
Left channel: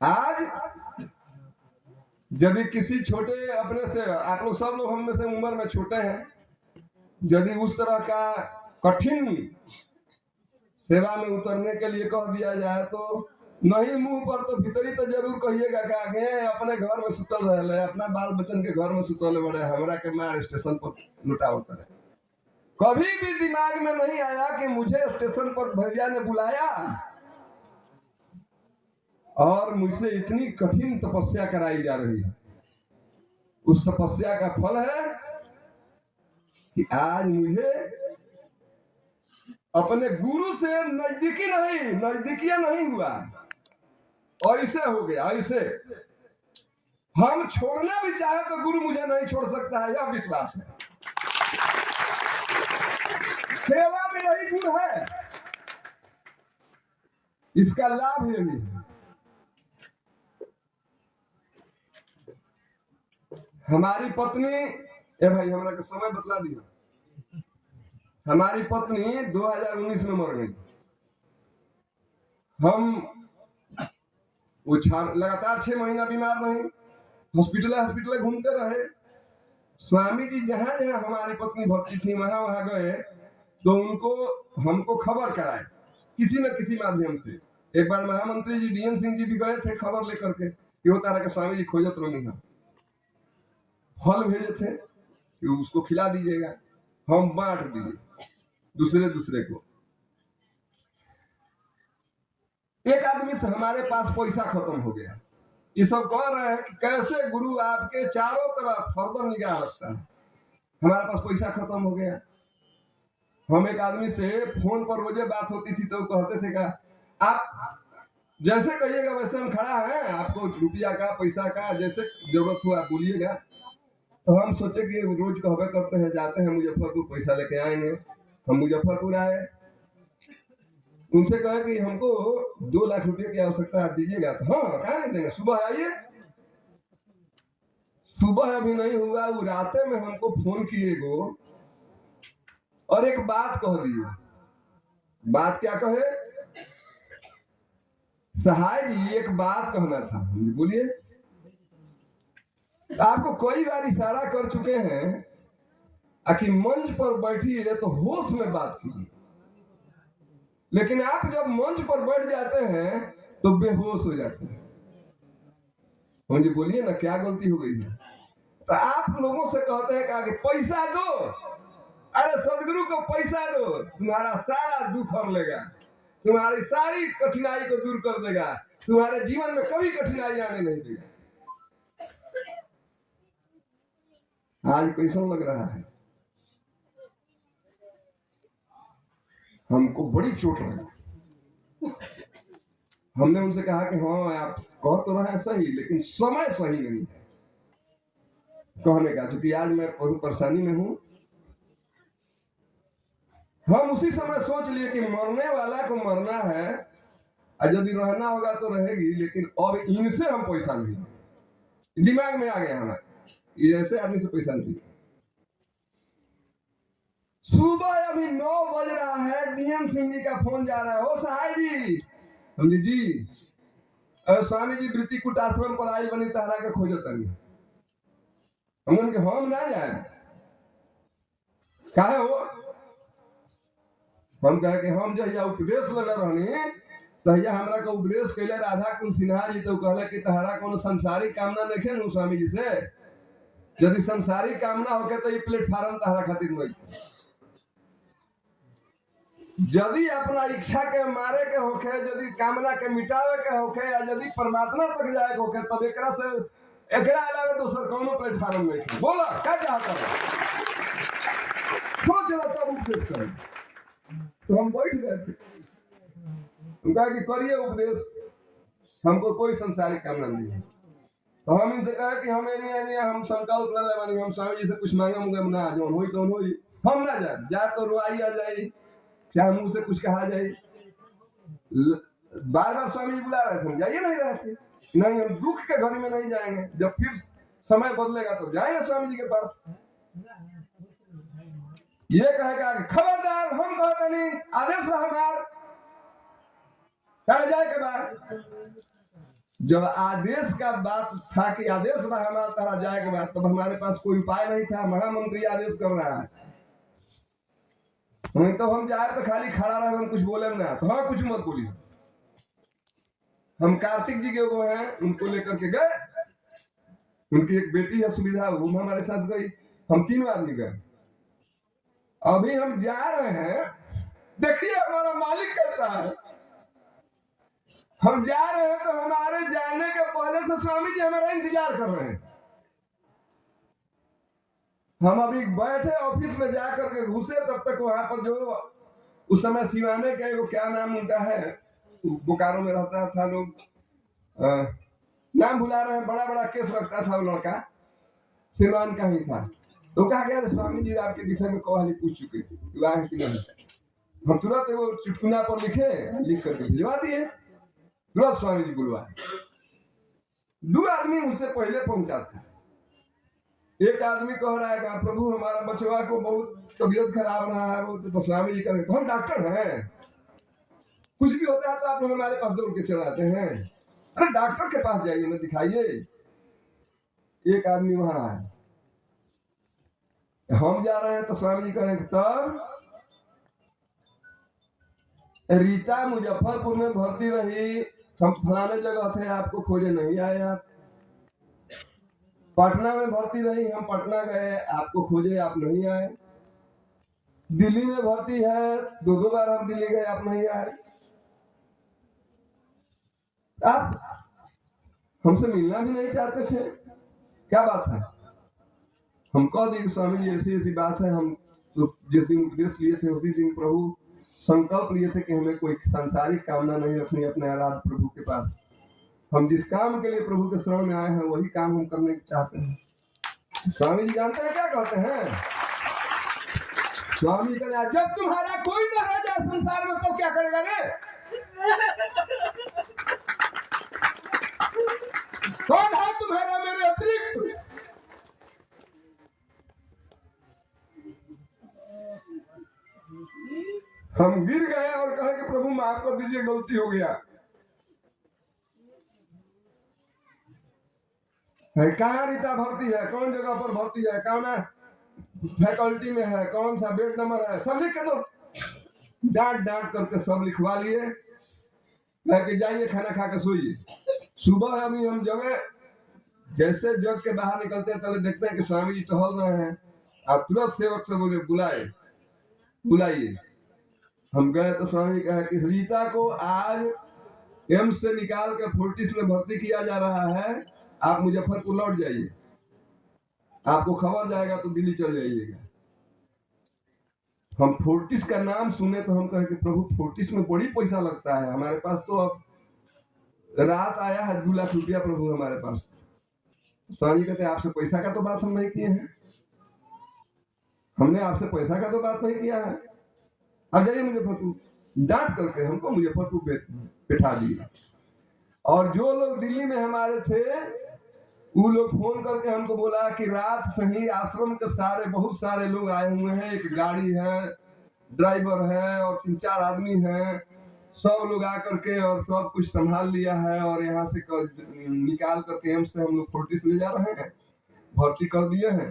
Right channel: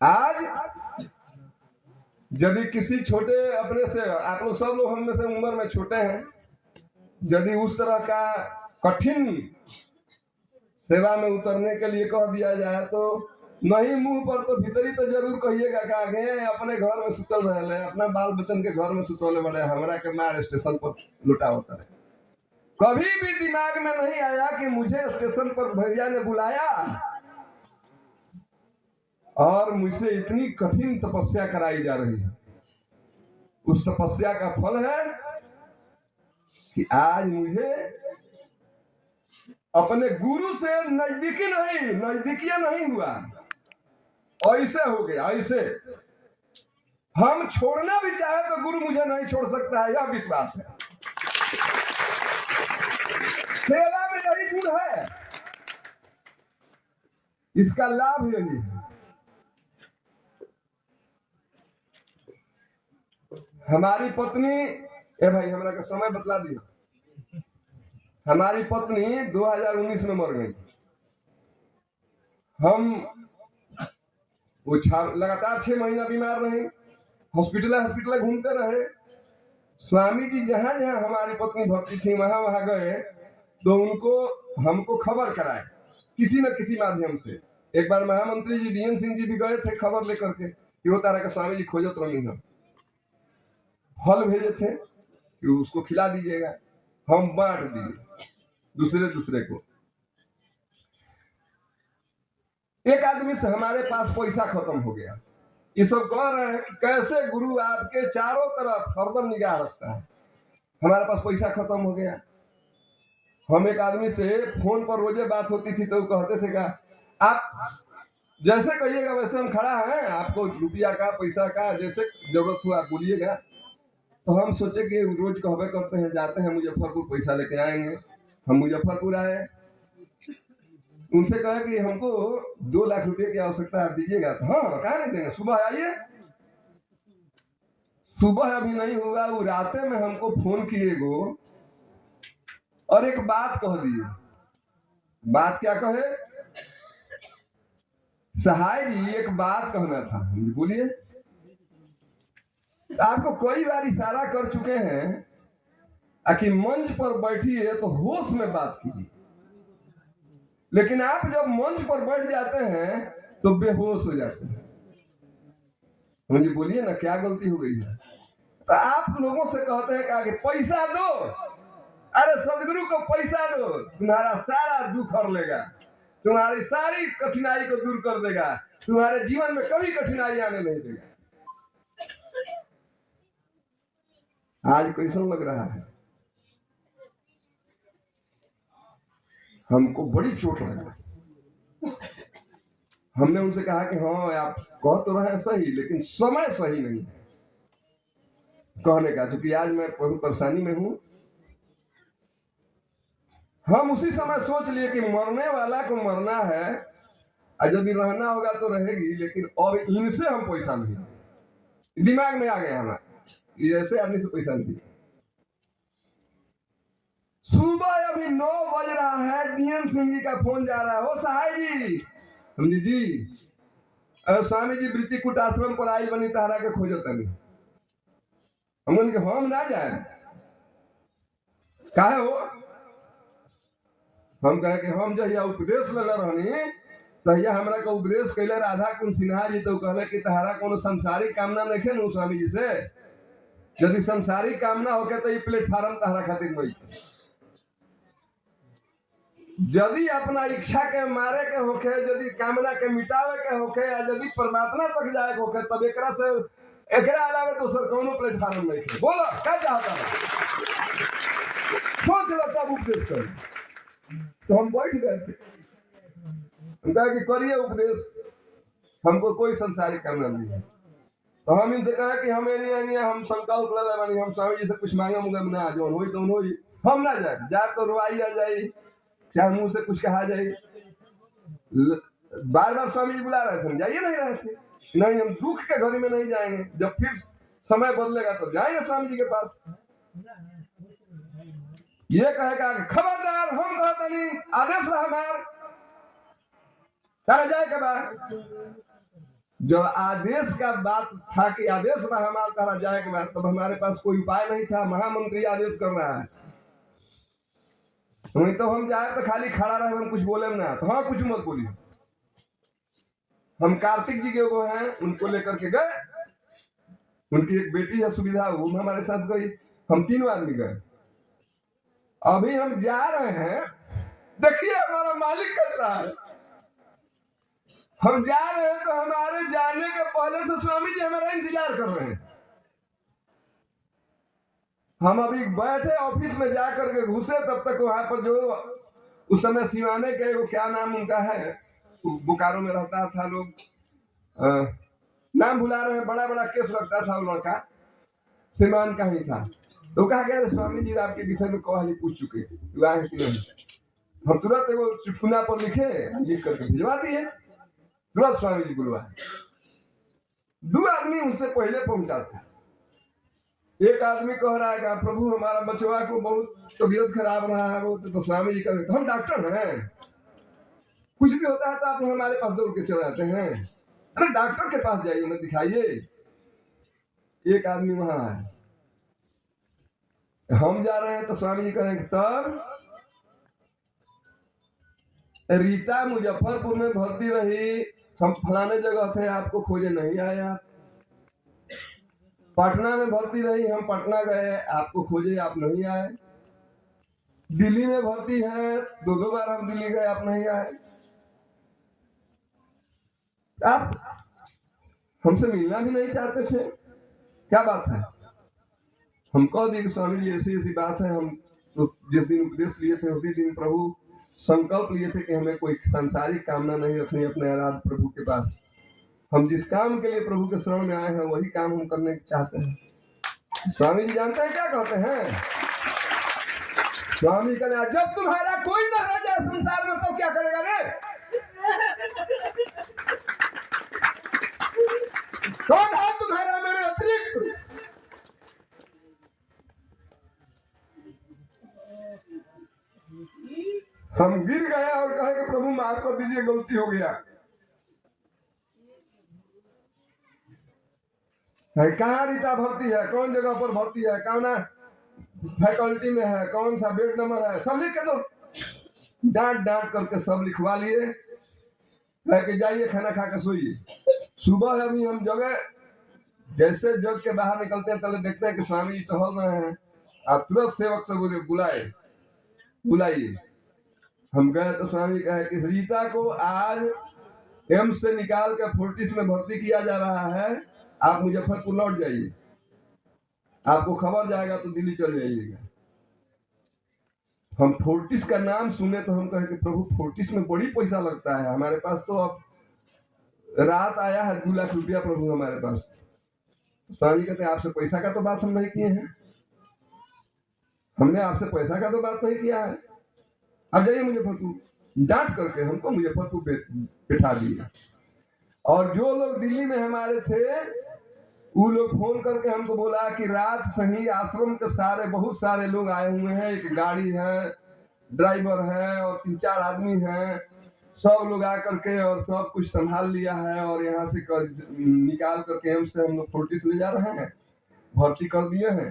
आज यदि किसी छोटे अपने से, आप लोग सब लोग हम में से उम्र में छोटे हैं, यदि उस तरह का कठिन सेवा में उतरने के लिए कह दिया जाए तो नहीं मुंह पर तो भीतरी तो जरूर कहिएगा कि आगे अपने घर में सुतल रहे, अपना बाल बच्चन के घर में सुतल बड़े, हमरा के मार स्टेशन पर लुटावता रहे। कभी भी दिमाग में नहीं आया कि मुझे स्टेशन पर भैया ने बुलाया और मुझसे इतनी कठिन तपस्या कराई जा रही है। उस तपस्या का फल है कि आज मुझे अपने गुरु से नजदीकियां नहीं हुआ, ऐसे हो गया। ऐसे हम छोड़ना भी चाहे तो गुरु मुझे नहीं छोड़ सकता है, यह विश्वास है। सेवा में यही गुण है, इसका लाभ यही है। हमारी पत्नी, ए भाई हमरा का समय बतला दिया, हमारी पत्नी 2019 में मर गई। हम वो लगातार 6 महीना बीमार रहे, हॉस्पिटल घूमते रहे। स्वामी जी जहां जहां हमारी पत्नी भर्ती थी वहां वहां गए तो उनको हमको खबर कराए किसी न किसी माध्यम से। एक बार महामंत्री जी डीएम सिंह जी भी गए थे खबर लेकर के कि वो तारा के स्वामी जी खोजत रही है। फल भेजे थे कि उसको खिला दीजिएगा, हम बांट दिए दूसरे को। एक आदमी से हमारे पास पैसा खत्म हो गया। ये सब कह रहे हैं कि कैसे गुरु आपके चारों तरफ हरदम निगाह रखता है। हमारे पास पैसा खत्म हो गया। हम एक आदमी से फोन पर रोजे बात होती थी तो कहते थे का आप जैसे कहिएगा वैसे हम खड़ा हैं, आपको रुपया का पैसा का जैसे जरूरत हुआ बोलिएगा। तो हम सोचे कि रोज कहवे करते हैं जाते हैं मुजफ्फरपुर पैसा लेके आएंगे। हम मुजफ्फरपुर आए, उनसे कहा कि हमको 2 लाख रुपए की आवश्यकता है, दीजिएगा। हाँ कहा नहीं देंगे, सुबह आइए। सुबह अभी नहीं हुआ, वो राते में हमको फोन किए गो और एक बात कह दिए। बात क्या कहे, सहाय जी एक बात कहना था। बोलिए। आपको कई बार इशारा कर चुके हैं कि मंच पर बैठिए तो होश में बात कीजिए, लेकिन आप जब मंच पर बैठ जाते हैं तो बेहोश हो जाते हैं। मुझे बोलिए ना क्या गलती हो गई है। तो आप लोगों से कहते हैं कि पैसा दो, अरे सदगुरु को पैसा दो, तुम्हारा सारा दुख हर लेगा, तुम्हारी सारी कठिनाई को दूर कर देगा, तुम्हारे जीवन में कभी कठिनाई आने नहीं देगा। आज कैसा लग रहा है, हमको बड़ी चोट लगा। हमने उनसे कहा कि हाँ आप कह तो रहे हैं सही, लेकिन समय सही नहीं है कहने का, क्योंकि आज मैं बहुत परेशानी में हूं। हम उसी समय सोच लिए कि मरने वाला को मरना है, और यदि रहना होगा तो रहेगी, लेकिन अब इनसे हम पैसा नहीं, दिमाग में आ गया हमारे, ये ऐसे आदमी से पैसा नहीं। सुबह अभी 9 बज रहा है, डीएम सिंह जी का फोन जा रहा है, ओ सहाय जी, हम जी स्वामी जी वृत्तिकूट आश्रम पर आई बनी तारा के खोजत नहीं। हम ना जाए, काहे हो? हम कहे कि हम जहिया उपदेश लगा रहनी तहिया हमरा का उपदेश कैले राधा कुंज सिन्हा जी, तो कहले कि तहरा कोनो संसारिक कामना नहीं नु स्वामी जी से, यदि संसारिक कामना होके तो ये प्लेटफार्म तहरा खातिर नहीं, यदि अपना इच्छा के मारे के होके, यदि कामना के मिटावे के होके, या यदि परमात्मा तक जाए के होके, तब एकरा से एकरा अलावे दूसर कोनो प्लेटफार्म नहीं है। बोला क्या चाहता है, सोच लो तब उपदेश कर। तो हम बैठ गए थे, हम कहा कि करिए उपदेश, हमको कोई संसारिक कामना नहीं है। तो हम इनसे कहा कि हमें नहीं, हम संकल्प ले ले, हम स्वामी जी से कुछ मांगे मुंगे ना, जो हो तो हो, हम ना जाए तो रुआई आ जाए, चाहे मुंह से कुछ कहा जाए। बार बार स्वामी जी बुला रहे थे, हम जाइए नहीं रहे थे, नहीं हम दुख के घड़ी में नहीं जाएंगे, जब फिर समय बदलेगा तो जाएंगे स्वामी जी के पास। ये कहेगा खबरदार, हम कहते नहीं, आदेश रहा हमार तारा जाए के बाद। जब आदेश का बात था कि आदेश रहा हमारा तारा जाए के बाद, तब हमारे पास कोई उपाय नहीं था। महामंत्री आदेश कर रहा है, तो हम जाए तो खाली खड़ा रहे, हम कुछ बोले ना, तो हाँ कुछ मत बोलिए। हम कार्तिक जी के वो हैं, उनको लेकर के गए, उनकी एक बेटी है सुविधा, वो हमारे साथ गई, हम 3 आदमी गए। अभी हम जा रहे हैं, देखिए हमारा मालिक कैसा है। हम जा रहे हैं तो हमारे जाने के पहले से स्वामी जी हमारा इंतजार कर रहे हैं। हम अभी बैठे ऑफिस में जाकर के घुसे, तब तक वहां पर जो उस समय सिवाने के वो क्या नाम उनका है, बोकारो में रहता था, लोग नाम भुला रहे हैं, बड़ा बड़ा केस रखता था वो लड़का, सिवान का ही था। तो कहा गया स्वामी जी आपके विषय में कहानी पूछ चुके थे, कि नहीं। हम तुरंत वो चुटकुला पर लिख करके भिजवा दिए, तुरंत स्वामी जी बुलवाए। 2 आदमी उनसे पहले पहुंचा था। एक आदमी कह रहा है कि प्रभु हमारा बचवा को बहुत तबीयत खराब रहा है, वो तो स्वामी जी करें, तो हम डॉक्टर हैं, कुछ भी होता है तो आप हमारे पास दौड़ के चले जाते हैं। अरे डॉक्टर के पास जाइए ना, दिखाइए। एक आदमी वहां है, हम जा रहे हैं तो स्वामी जी कहेंगे तब रीता मुजफ्फरपुर में भर्ती रही, हम फलाने जगह थे, आपको खोजे नहीं आए। आप पटना में भर्ती रही, हम पटना गए, आपको खोजे आप नहीं आए। दिल्ली में भर्ती है, 2 बार हम दिल्ली गए, आप नहीं आए। आप हमसे मिलना भी नहीं चाहते थे, क्या बात है? हम कह दिए कि स्वामी जी ऐसी ऐसी बात है, हम तो जिस दिन उपदेश लिए थे उसी दिन प्रभु संकल्प लिए थे कि हमें कोई सांसारिक कामना नहीं रखनी अपने आराध्य प्रभु के पास। हम जिस काम के लिए प्रभु के शरण में आए हैं वही काम हम करने चाहते हैं। स्वामी जी जानते हैं क्या कहते हैं? स्वामी कहते हैं जब तुम्हारा कोई न रह जाए संसार में तो क्या करेगा रे? कौन है तुम्हारा मेरे अतिरिक्त? हम गिर गए और कहे कि प्रभु माफ कर दीजिए, गलती हो गया। कहाँ रीता भर्ती है, कौन जगह पर भर्ती है, कौन फैकल्टी में है, कौन सा बेड नंबर है, सब लिख के दो। डांट डांट करके सब लिखवा लिए, लेके जाइए खाना खा के सोइए। सुबह अभी हम जगह जैसे जग के बाहर निकलते हैं तले देखते हैं कि स्वामी जी टहल रहे हैं। आप तुरंत सेवक से बोले बुलाइए। हम गए तो स्वामी जी कहे कि रीता को आज एम्स से निकाल के फोर्टिस में भर्ती किया जा रहा है, आप मुजफ्फरपुर लौट जाइए, आपको खबर जाएगा तो दिल्ली चले जाइएगा। हम फोर्टिस का नाम सुने तो हम कहे कि प्रभु फोर्टिस में बड़ी पैसा लगता है, हमारे पास तो अब रात आया है 2 लाख रुपया प्रभु हमारे पास। स्वामी कहते हैं आपसे पैसा का तो बात हम नहीं किए हैं, हमने आपसे पैसा का तो बात नहीं किया है। अब जाइए मुजफ्फरपुर। डांट करके हमको मुजफ्फरपुर बैठा दिया। और जो लोग दिल्ली में हमारे थे वो लोग फोन करके हमको बोला कि रात सही आश्रम के सारे बहुत सारे लोग आए हुए हैं, एक गाड़ी है, ड्राइवर है और 3-4 आदमी हैं, सब लोग आकर के और सब कुछ संभाल लिया है और यहाँ से निकाल करके एम्स से हम लोग फोर्टिस ले जा रहे हैं, भर्ती कर दिए हैं,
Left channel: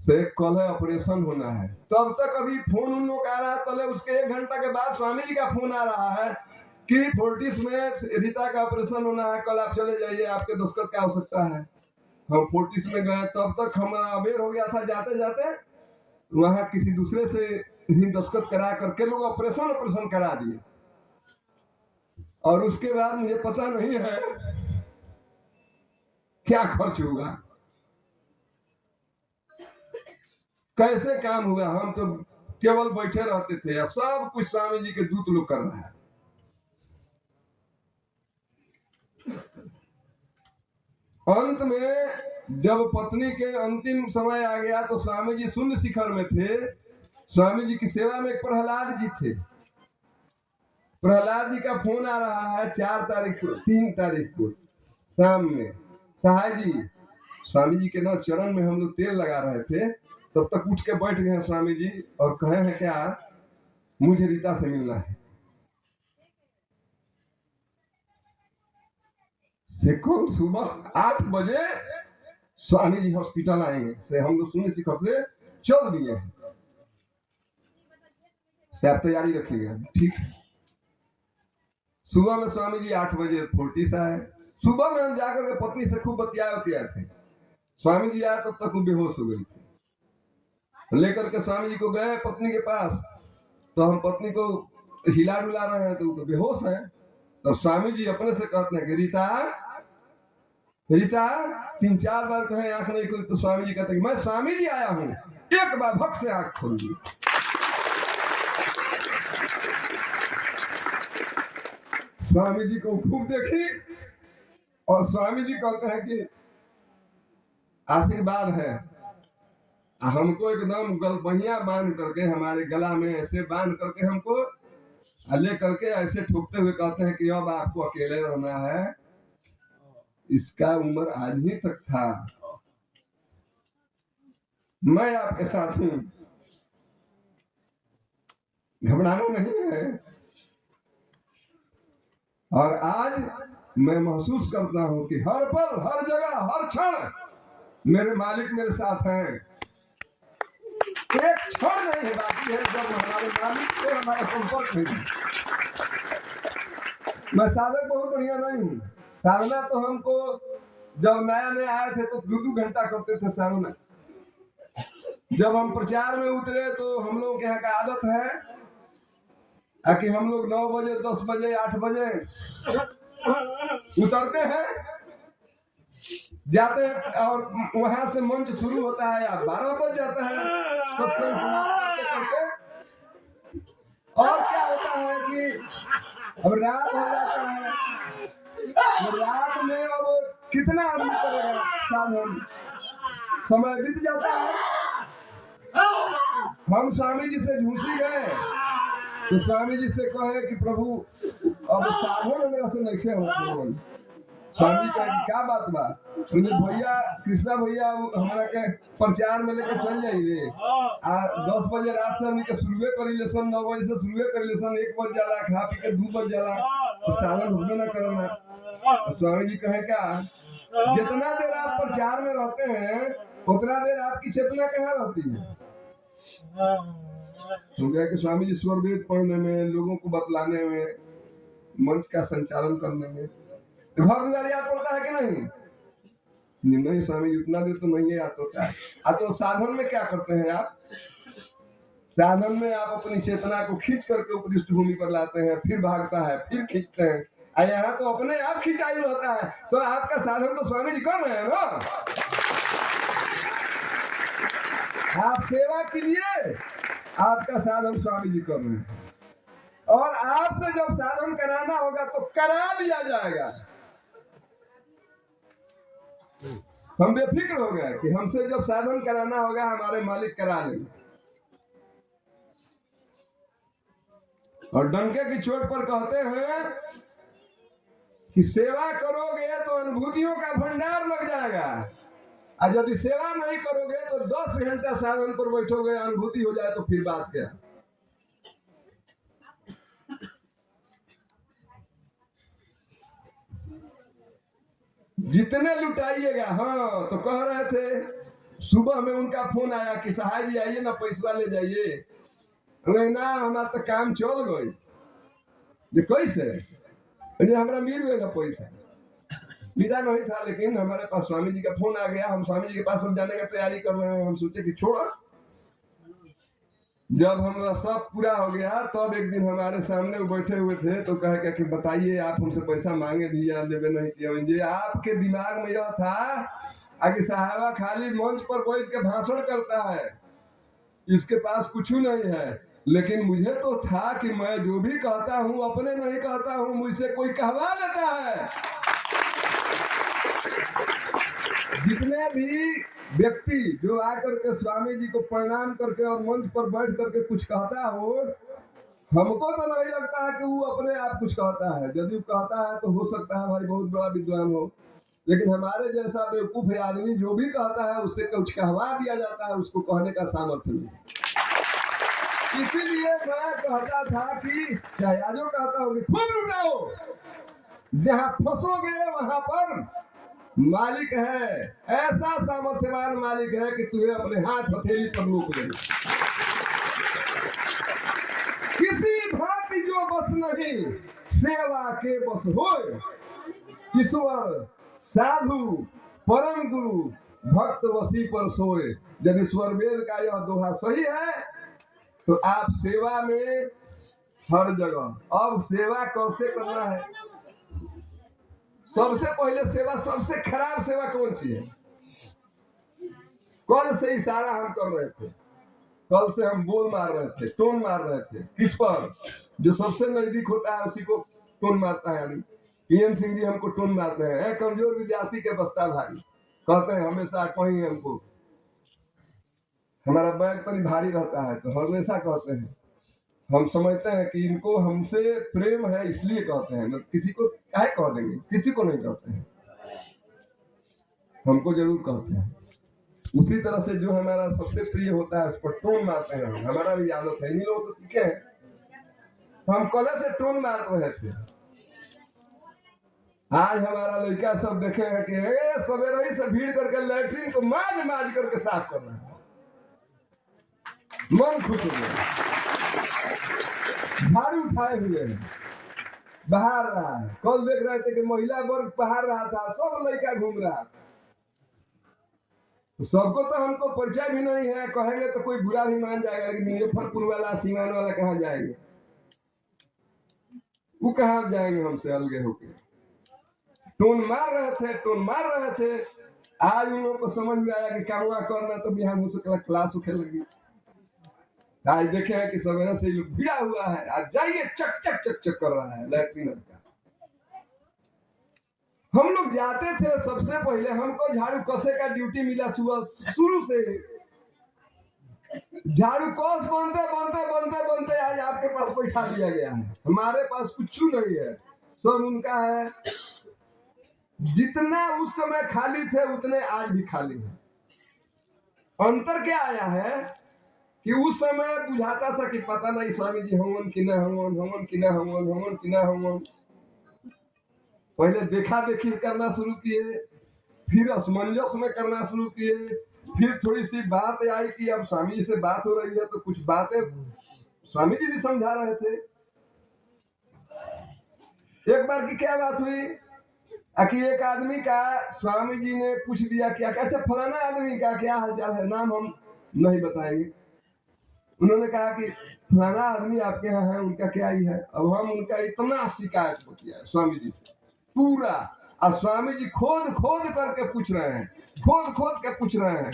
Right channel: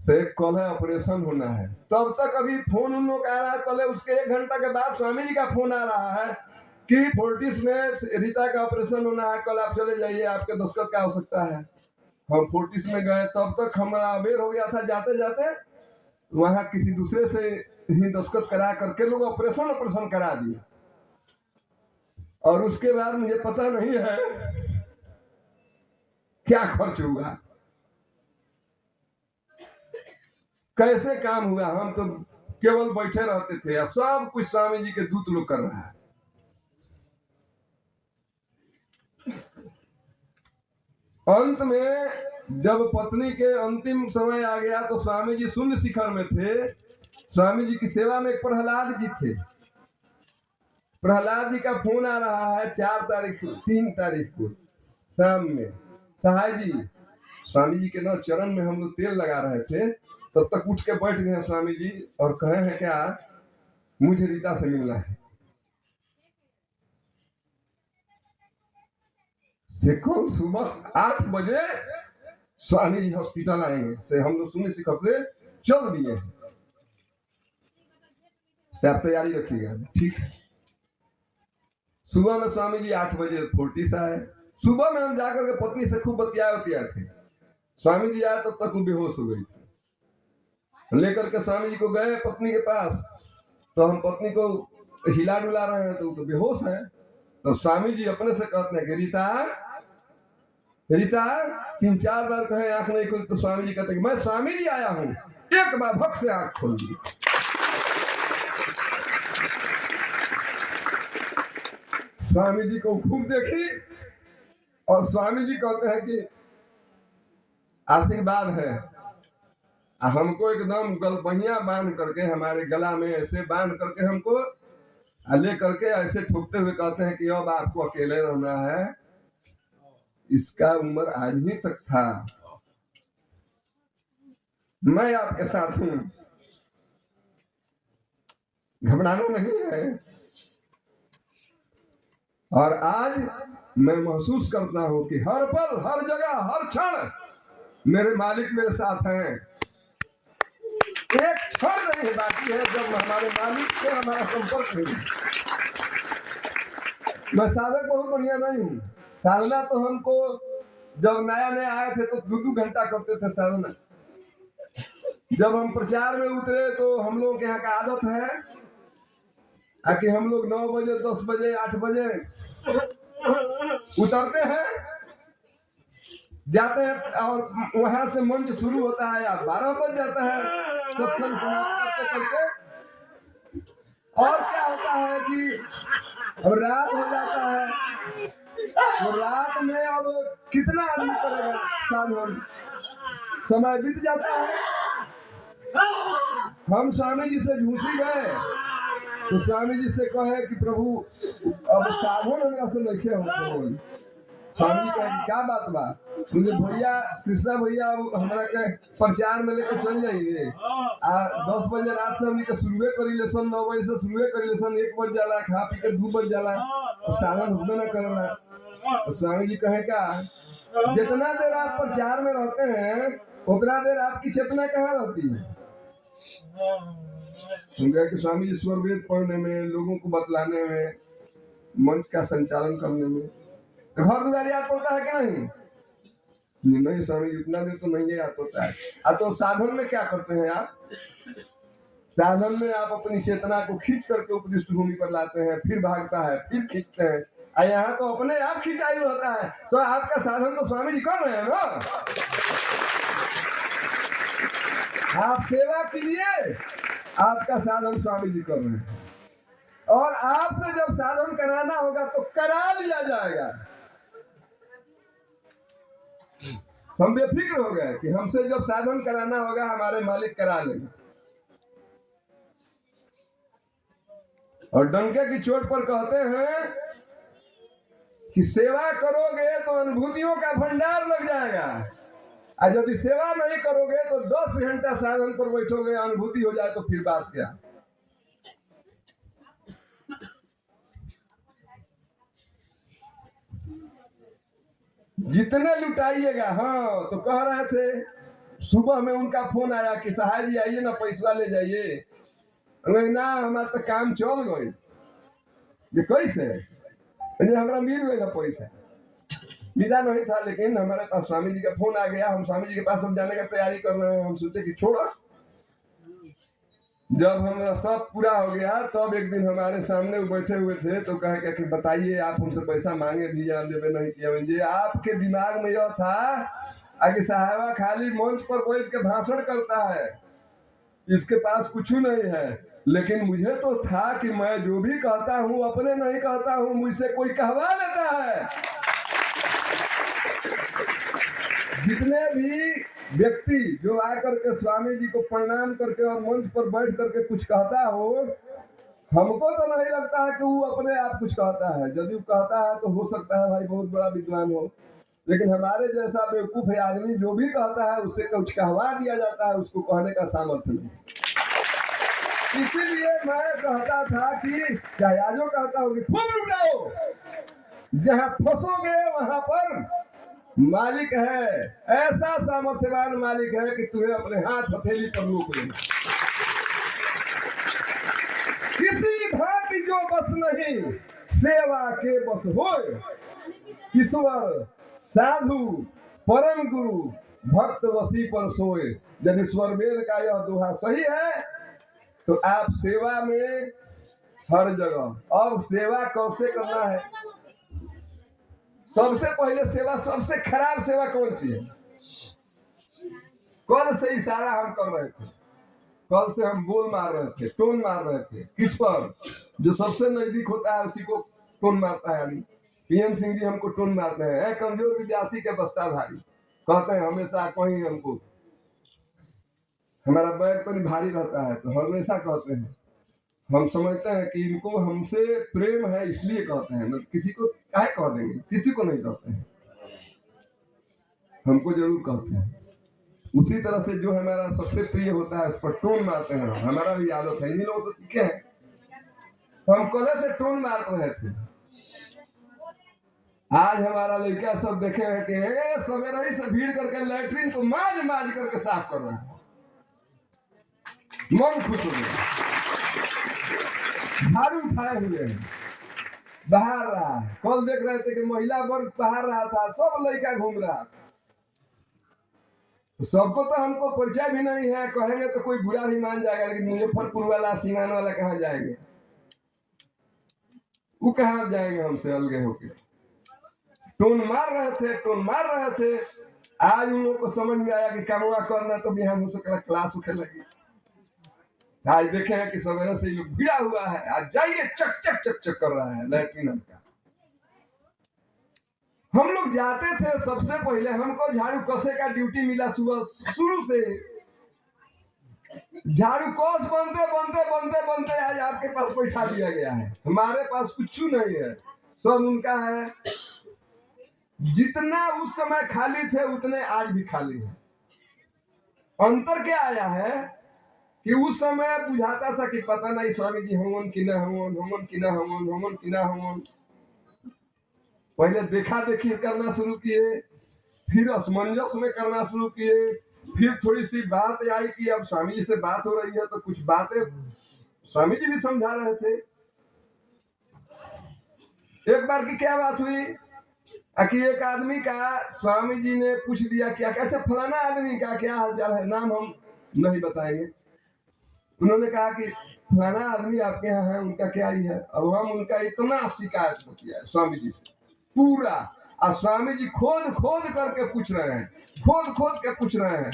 से कल है ऑपरेशन होना है। तब तक अभी फोन उन लोग आ रहा है, तले उसके 1 घंटा के बाद स्वामी जी का फोन आ रहा है कि फोर्टिस में रीता का ऑपरेशन होना है, कल आप चले जाइए, आपके दस्तखत क्या हो सकता है। हम फोर्टिस में गए, तब तक हमारा अवेयर हो गया था, जाते जाते वहां किसी दूसरे से ही दस्तखत करा करके लोग ऑपरेशन करा दिए। और उसके बाद मुझे पता नहीं है क्या खर्च हुआ, कैसे काम हुआ। हम तो केवल बैठे रहते थे, सब कुछ स्वामी जी के दूत लोग कर रहा है। अंत में जब पत्नी के अंतिम समय आ गया तो स्वामी जी शून्य शिखर में थे। स्वामी जी की सेवा में एक प्रहलाद जी थे। प्रहलाद जी का फोन आ रहा है 3 तारीख को शाम में, साहब जी स्वामी जी के ना चरण में हम लोग तेल लगा रहे थे, तब तक उठ के बैठ गए स्वामी जी और कहे हैं क्या, मुझे रीता से मिलना है। से कल सुबह 8 बजे स्वामी जी हॉस्पिटल आएंगे, से हम लोग शून्य शिखर से चल दिए हैं, आप तैयारी रखिएगा। ठीक है। सुबह में स्वामी जी 8 बजे फोर्टिस आए। सुबह में हम जाकर के पत्नी से खूब बतियाए थे। स्वामी जी आए तब तक वो बेहोश हो गई थी। लेकर के स्वामी जी को गए पत्नी के पास, तो हम पत्नी को हिला डुला रहे हैं तो वो तो बेहोश है। तो स्वामी जी अपने से कहते हैं कि रीता रीता, 3-4 बार कहे आंख नहीं खुली, तो स्वामी जी कहते हैं मैं स्वामी जी आया हूं, एक बार भक्त से आंख खोल दी। स्वामी जी को खूब देखी और स्वामी जी कहते हैं कि आशीर्वाद है। हमको एकदम गलबहिया बांध करके, हमारे गला में ऐसे बांध करके हमको ले करके ऐसे ठोकते हुए कहते हैं कि अब आपको अकेले रहना है, इसका उम्र आज ही तक था, मैं आपके साथ हूं, घबराना नहीं है। और आज मैं महसूस करता हूं कि हर पल, हर जगह, हर क्षण मेरे मालिक मेरे साथ हैं। एक क्षण नहीं बाकी है जब हमारे मालिक से हमारा संपर्क नहीं। मैं साधक बहुत बढ़िया नहीं हूँ। साधना तो हमको जब नया नया आए थे तो 2-2 घंटा करते थे साधना। जब हम प्रचार में उतरे तो हम लोग के यहाँ का आदत है कि हम लोग 9 बजे, 10 बजे, 8 बजे उतरते हैं, जाते हैं और वहां से मंच शुरू होता है या 12 बज जाता है सत्संग समाप्त करते करते। और क्या होता है कि अब रात हो जाता है, तो रात में अब कितना आदमी करेगा साधन, समय बीत जाता है। हम स्वामी जी से झूठी गए तो स्वामी जी से कहे कि प्रभु अब साधन हमरा से नहीं हो। स्वामी जी कहे क्या बात बा, मुझे भैया कृष्णा भैया हमरा के प्रचार में लेकर चल जाइए। 10 बजे रात से हमने के शुरुए करी लेसन, 9 बजे से शुरुए करी लेसन, 1 बज जाला, खा पी के 2 बज जाला, तो साधन होबे ना करना। तो स्वामी जी कहे क्या, जितना देर आप प्रचार में रहते हैं उतना देर आपकी चेतना कहाँ रहती है। कि स्वामी जी स्वर वेद पढ़ने में, लोगों को बतलाने में, मंच का संचालन करने में, घर द्वार याद पड़ता है कि नहीं? नहीं स्वामी जी उतना देर तो नहीं याद होता है। तो साधन में क्या करते हैं आप? साधन में आप अपनी चेतना को खींच करके उपदिष्ट भूमि पर लाते हैं, फिर भागता है, फिर खींचते हैं। यहाँ तो अपने आप खिंचाई होता है, तो आपका साधन तो स्वामी जी कर रहे हैं ना। आप सेवा कीजिए, आपका साधन स्वामी जी कर रहे हैं। और आपसे जब साधन कराना होगा तो करा लिया जाएगा। हम बेफिक्र हो गए कि हमसे जब साधन कराना होगा हमारे मालिक करा लेंगे। और डंके की चोट पर कहते हैं कि सेवा करोगे तो अनुभूतियों का भंडार लग जाएगा, और यदि सेवा नहीं करोगे तो 10 घंटा साधन पर बैठोगे, अनुभूति हो जाए तो फिर बात क्या। जितने लुटाइएगा। हाँ, तो कह रहे थे सुबह में उनका फोन आया कि साहब जी आइए ना, पैसा ले जाइए। ना हमारा तो काम चल गई। ये कैसे हमारा मिल गए ना पैसा, मिला नहीं था, लेकिन हमारे पास स्वामी जी का फोन आ गया। हम स्वामी जी के पास हम जाने का तैयारी कर रहे हैं। हम सोचे कि छोड़ो। जब हमारा सब पूरा हो गया तब एक दिन हमारे सामने बैठे हुए थे तो कहे कि बताइए आप हमसे पैसा मांगे भी या लेवे नहीं किया। मुझे आपके दिमाग में यह था कि साहबा खाली मंच पर बैठ के भाषण करता है, इसके पास कुछ नहीं है। लेकिन मुझे तो था कि मैं जो भी कहता हूँ अपने नहीं कहता हूँ, मुझसे कोई कहवा लेता है। जितने भी व्यक्ति जो आकर के स्वामी जी को प्रणाम करके और मंच पर बैठ करके कुछ कहता हो, हमको तो नहीं लगता है कि वो अपने आप कुछ कहता है। यदि वो कहता है तो हो सकता है भाई बहुत बड़ा विद्वान हो, लेकिन हमारे जैसा बेवकूफ आदमी जो भी कहता है उससे कुछ कहवा दिया जाता है, उसको कहने का सामर्थ्य नहीं। इसीलिए मैं कहता था कि चाहे आजो कहता हूँ कि खूब लुटाओ, जहाँ फंसोगे वहां पर मालिक है, ऐसा सामर्थ्यवान मालिक है कि तुम्हें अपने हाथ हथेली पर रोक लेगा। किसी भांति जो बस नहीं सेवा के बस होए, ईश्वर साधु परम गुरु भक्त वसी पर सोए। यदि स्वर वेद का यह दोहा सही है तो आप सेवा में हर जगह। अब सेवा कैसे करना है? सबसे पहले सेवा, सबसे खराब सेवा कौन सी है? कल से इशारा हम कर रहे थे, कल से हम बोल मार रहे थे, टोन मार रहे थे। किस पर? जो सबसे नजदीक होता है उसी को टोन मारता है। पीएम सिंह जी हमको टोन मारते हैं, कमजोर विद्यार्थी के बस्ता भारी, कहते हैं हमेशा। कहीं हमको हमारा बैग तो भारी रहता है तो हमेशा कहते हैं। हम समझते हैं कि इनको हमसे प्रेम है इसलिए कहते हैं, किसी को क्या कह देंगे, किसी को नहीं कहते हैं, हमको जरूर कहते हैं। उसी तरह से जो हमारा सबसे प्रिय होता है उस पर टोन मारते हैं। हमारा भी आदत है, इन्हीं लोगों से सीखे हैं। हम कल से टोन मार रहे थे। आज हमारा लड़का सब देखे हैं कि सवेरे ही से भीड़ करके लैट्रिन को माज माज करके साफ कर रहा है। मन खुश हो गया। झाड़ू उठाए हुए हैं, बहार रहा है। कल देख रहे थे कि महिला वर्ग बहार रहा था, सब लड़का घूम रहा था। तो सबको तो हमको परिचय भी नहीं है, कहेंगे तो कोई बुरा भी मान जाएगा कि मुजफ्फरपुर वाला सीमान वाला कहाँ जाएंगे, वो कहाँ जाएंगे हमसे अलगे होके। टोन मार रहे थे, टोन मार रहे थे। आज उन लोगों को समझ में आया कि कामवा करना तो बिहान हो सकता क्लास उठे लगी। आज देखे हैं कि सवेरे से भिड़ा हुआ है, आज जाइए चक चक चक चक कर रहा है लैट्रिन का। हम लोग जाते थे, सबसे पहले हमको झाड़ू कसे का ड्यूटी मिला सुबह शुरू से। झाड़ू कस बनते बनते बनते बनते आज आपके पास बैठा दिया गया है। हमारे पास कुछ नहीं है, सब उनका है। जितने उस समय खाली थे उतने आज भी खाली है। अंतर क्या आया है कि उस समय बुझाता था कि पता नहीं स्वामी जी हमन कि न हमन, हमन कि न हमन, हमन कि न हमन। पहले देखा देखी करना शुरू किए, फिर असमंजस में करना शुरू किए, फिर थोड़ी सी बात आई कि अब स्वामी जी से बात हो रही है तो कुछ बातें स्वामी जी भी समझा रहे थे। एक बार की क्या बात हुई कि एक आदमी का स्वामी जी ने पूछ दिया कि अच्छा फलाना आदमी का क्या हालचाल है, नाम हम नहीं बताएंगे। उन्होंने कहा कि फलाना आदमी आपके यहाँ है, उनका क्या ही है। अब हम उनका इतना शिकायत हो गया है स्वामी जी से पूरा, और स्वामी जी खोद खोद करके पूछ रहे हैं, खोद खोद के पूछ रहे हैं।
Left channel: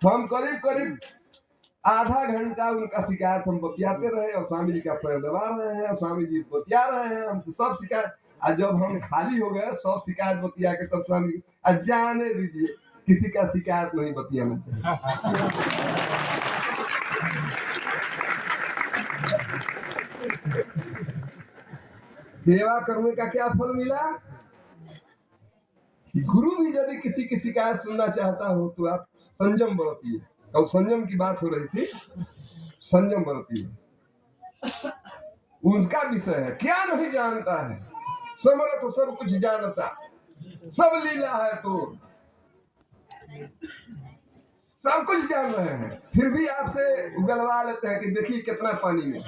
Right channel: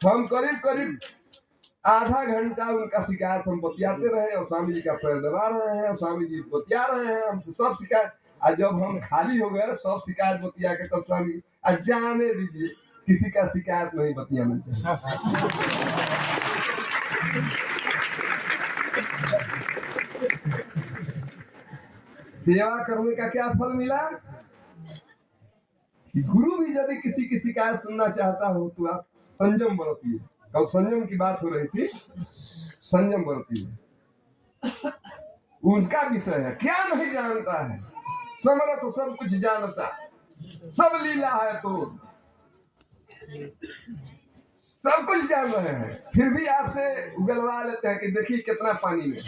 हम करीब करीब आधा घंटा उनका शिकायत हम बतियाते रहे और स्वामी जी का पैर दबा रहे हैं, स्वामी जी बतिया रहे हैं हमसे सब शिकायत। और जब हम खाली हो गए सब शिकायत बतिया के, तब स्वामी जी जाने दीजिए, किसी का शिकायत नहीं बतियाना चाहिए। सेवा करने का क्या फल मिला? गुरु भी यदि किसी की शिकायत सुनना चाहता हो तो आप संयम बरतिए। और संयम की बात हो रही थी, संयम बरतिए। उनका विषय है, क्या नहीं जानता है, समर्थ सब कुछ जानता, सब लीला है तो सब कुछ जान रहे हैं, फिर भी आपसे उगलवा लेते हैं कि देखिए कितना पानी में।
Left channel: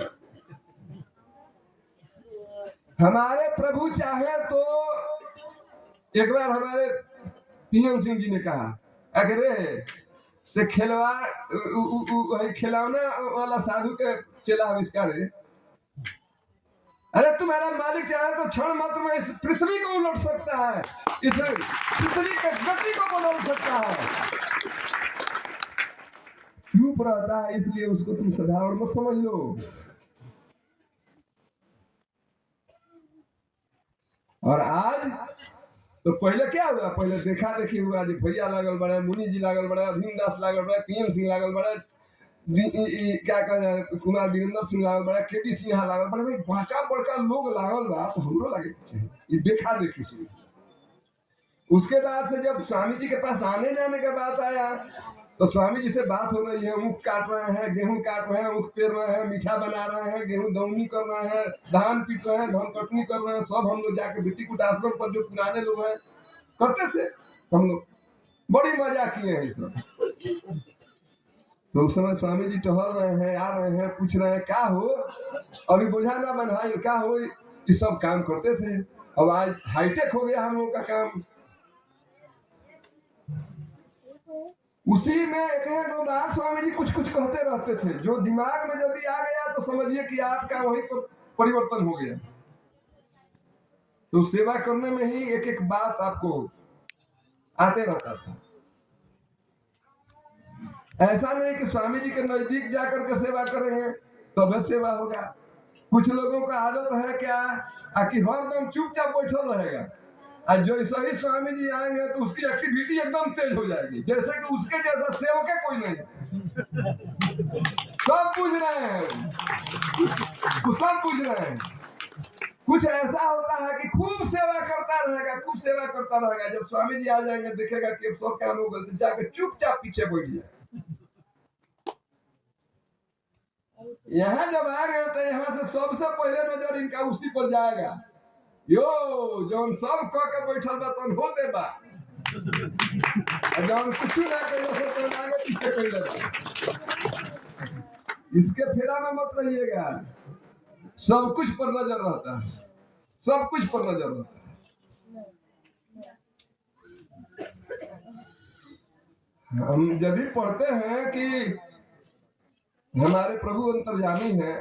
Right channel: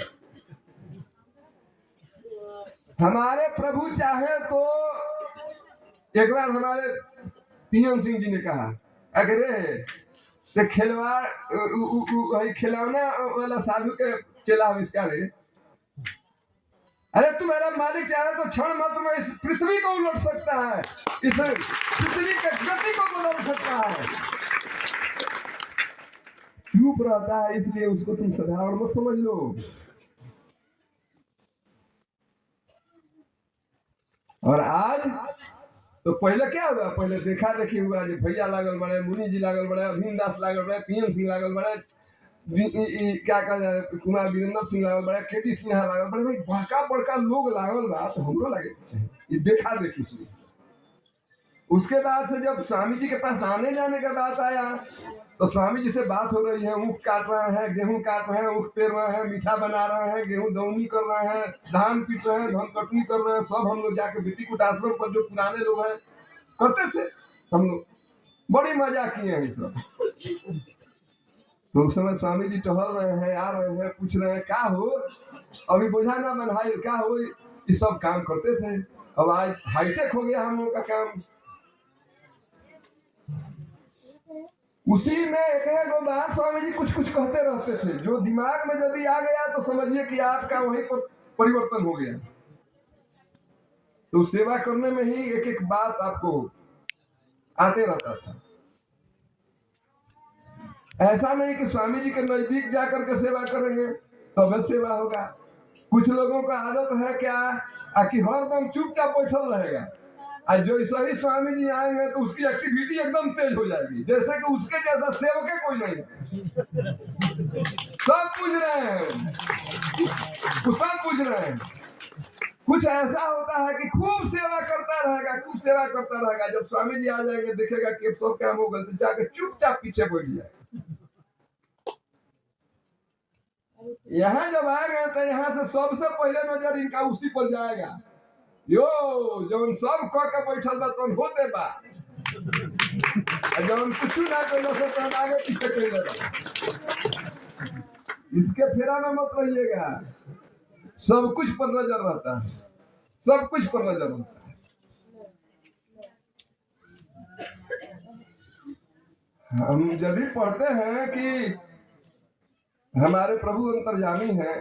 हमारे प्रभु चाहे तो एक बार हमारे पीएम सिंह जी ने कहा, अगर से खिलौना वाला साधु के चेला आविष्कार है, अरे तुम्हारा मालिक चाहे तो क्षण मात्र में इस पृथ्वी को उलट सकता है, इस पृथ्वी के गति को बदल सकता है। चुप रहता है, इसलिए उसको तुम साधारण मत समझ लो। और आज तो पहले क्या हुआ, पहले देखा देखी हुआ, जो भैया लागल बड़े, मुनि जी लागल बड़े, अभिन दास लागल बड़े, पीएम सिंह लागल बड़े, क्या कहना कुमार वीरेंद्र सिंह लागल बड़े, केटी सिन्हा लागल बड़े, बड़का बड़का लोग लागल बा, तो हमरो लगे ये देखा देखी शुरू। उसके बाद से जब स्वामी जी के पास आने जाने का बात आया तो स्वामी जी से बात हो रही है, ऊख काट रहे हैं, गेहूं काट रहे हैं, ऊख पेर रहे हैं, मीठा बना रहे हैं, गेहूं दौनी कर रहे हैं, धान पीट रहे हैं, धान कटनी कर रहे हैं, सब हम लोग जाके बेटी कुटाश्रम पर जो पुराने लोग हैं करते थे, हम लोग बड़ी मजा किए हैं इस सब। तो उस समय स्वामी जी टहल रहे हैं, आ रहे हैं, पूछ रहे हैं क्या हो, अभी बोझा ना बंधाई, क्या हो, ये सब काम करते थे। अब आज हाईटेक हो गया हम लोग का काम। उसी में एक बात स्वामी जी कुछ कुछ कहते रहते थे, जो दिमाग में यदि आ गया तो समझिए कि आपका वहीं पर परिवर्तन हो गया। तो सेवा करने में ही एक एक बात आपको आते रहता था। ऐसा नहीं कि स्वामी जी के नजदीक जाकर के सेवा करेंगे तब सेवा होगा। कुछ लोगों का आदत है क्या कि हरदम चुपचाप बैठल रहेगा, और जो सही स्वामी जी आएंगे तो उसकी एक्टिविटी एकदम तेज हो जाएगी, जैसे कि उसके जैसा सेवक है कोई नहीं। सब पूछ रहे हैं, सब पूछ रहे हैं। कुछ ऐसा होता है कि खूब सेवा करता रहेगा, खूब सेवा करता रहेगा, जब स्वामी जी आ जाएंगे देखेगा कि सब काम हो गया तो जाके चुपचाप पीछे बैठ जाए। यहाँ जब आ गए तो यहाँ से सबसे पहले नजर इनका उसी पर जाएगा, यो जो सब कह के बैठल बा तन होते बा, जब कुछ ना करो से तो आगे पीछे कर लेगा। इसके फेरा में मत रहिएगा, सब कुछ पर नजर रहता है, सब कुछ पर नजर रहता है। हम यदि पढ़ते हैं कि हमारे प्रभु अंतर्यामी हैं,